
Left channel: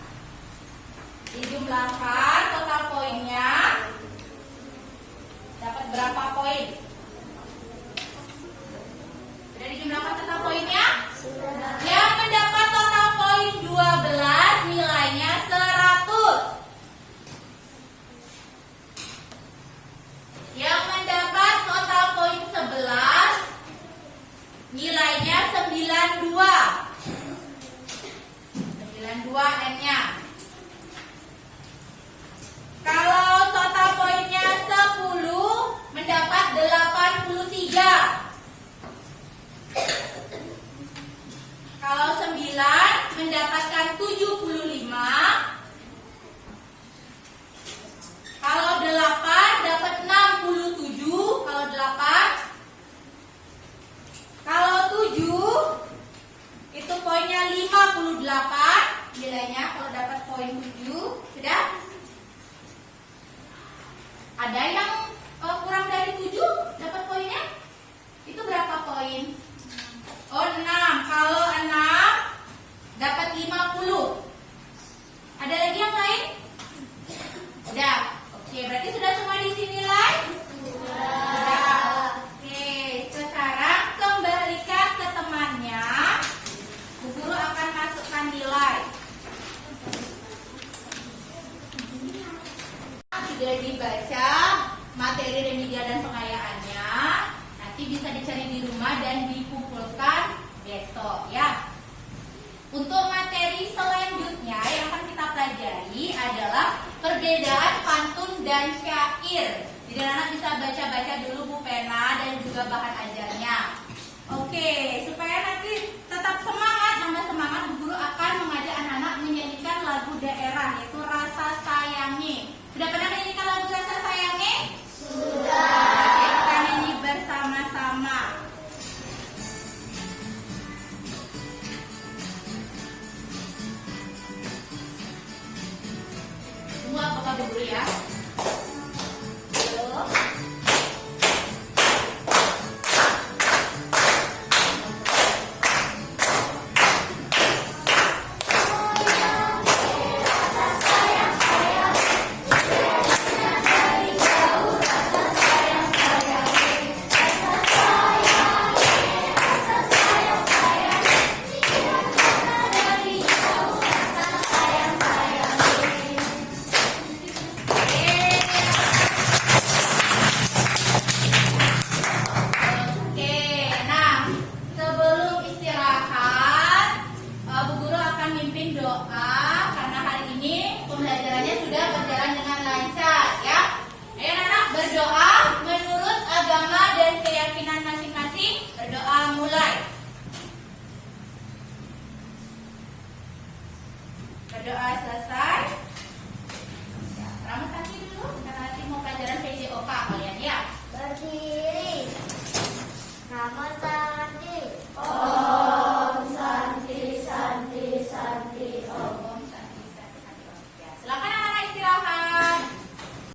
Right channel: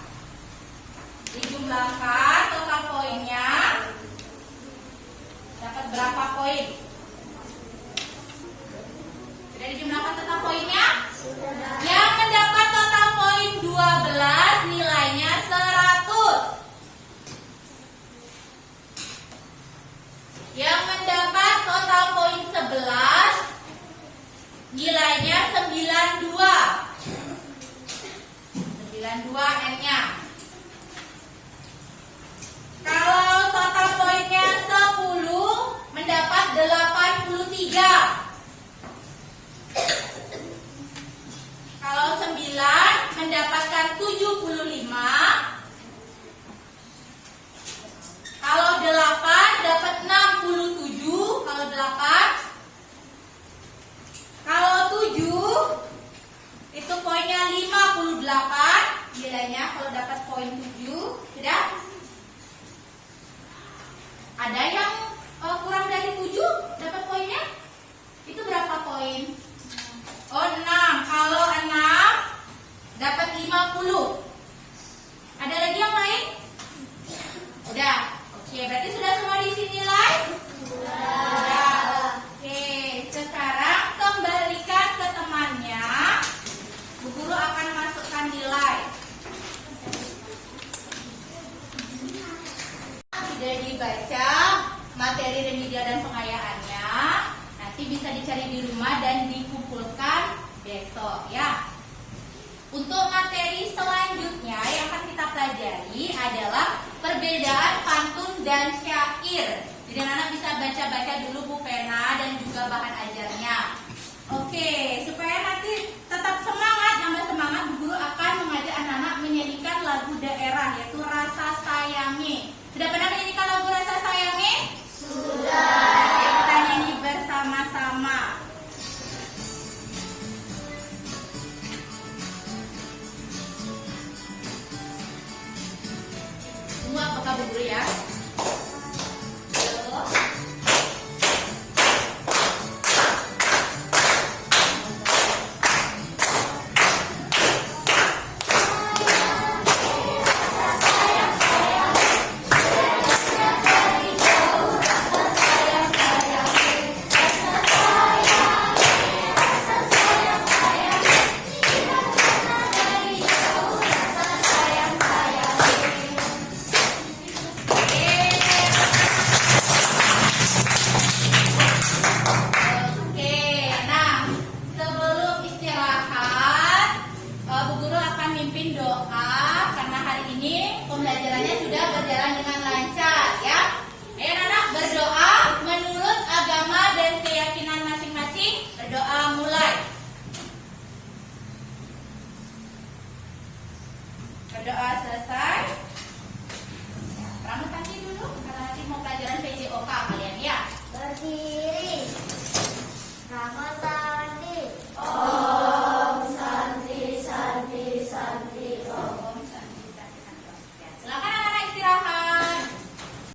Dijumlahkan total poinnya. Dapat berapa poin? Sudah dijumlahkan total poinnya? Yang mendapat total poin 12 nilainya 100. Yang mendapat total poin 11 nilainya 92. 92 N-nya. Kalau total poinnya 10 mendapat 83. Kalau 9 mendapatkan 75. Kalau 8 dapat 67. Kalau 8. Kalau 7 itu poinnya 58 nilainya kalau dapat poin 7. Sudah? Ada yang kurang dari 7 dapat poinnya? Itu berapa poin? Oh, 6. Kalau 6 dapat 50. Ada lagi yang lain? Udah. Oke, berarti sudah semua di sini nilai? Sudah. Oke, sekarang kembalikan ke temannya. Bu Guru akan masukkan nilai. Sudah dibaca materi remedial dan pengayaannya. Nanti bisa dicari di rumah dan dikumpulkan besok ya. Untuk materi selanjutnya yang akan kita pelajari adalah perbedaan pantun dan syair. Jadi anak bisa baca-baca dulu pulpena dan juga bahan ajarnya. Oke, supaya nanti tetap semangat, nambah semangat, Bu Guru akan mengajak anak-anak menyanyikan lagu daerah yaitu Rasa Sayangi. Sudah pernah menyanyikan lagu Rasa Sayangi? Sudah. Oke, kita nyanyi bersama-sama. Semua apakah Bu Guru ya? Berdoa selesai. Rambut kaki dulu karena nanti mau pelajaran PJOK kalian ya. Berdiri. Rambut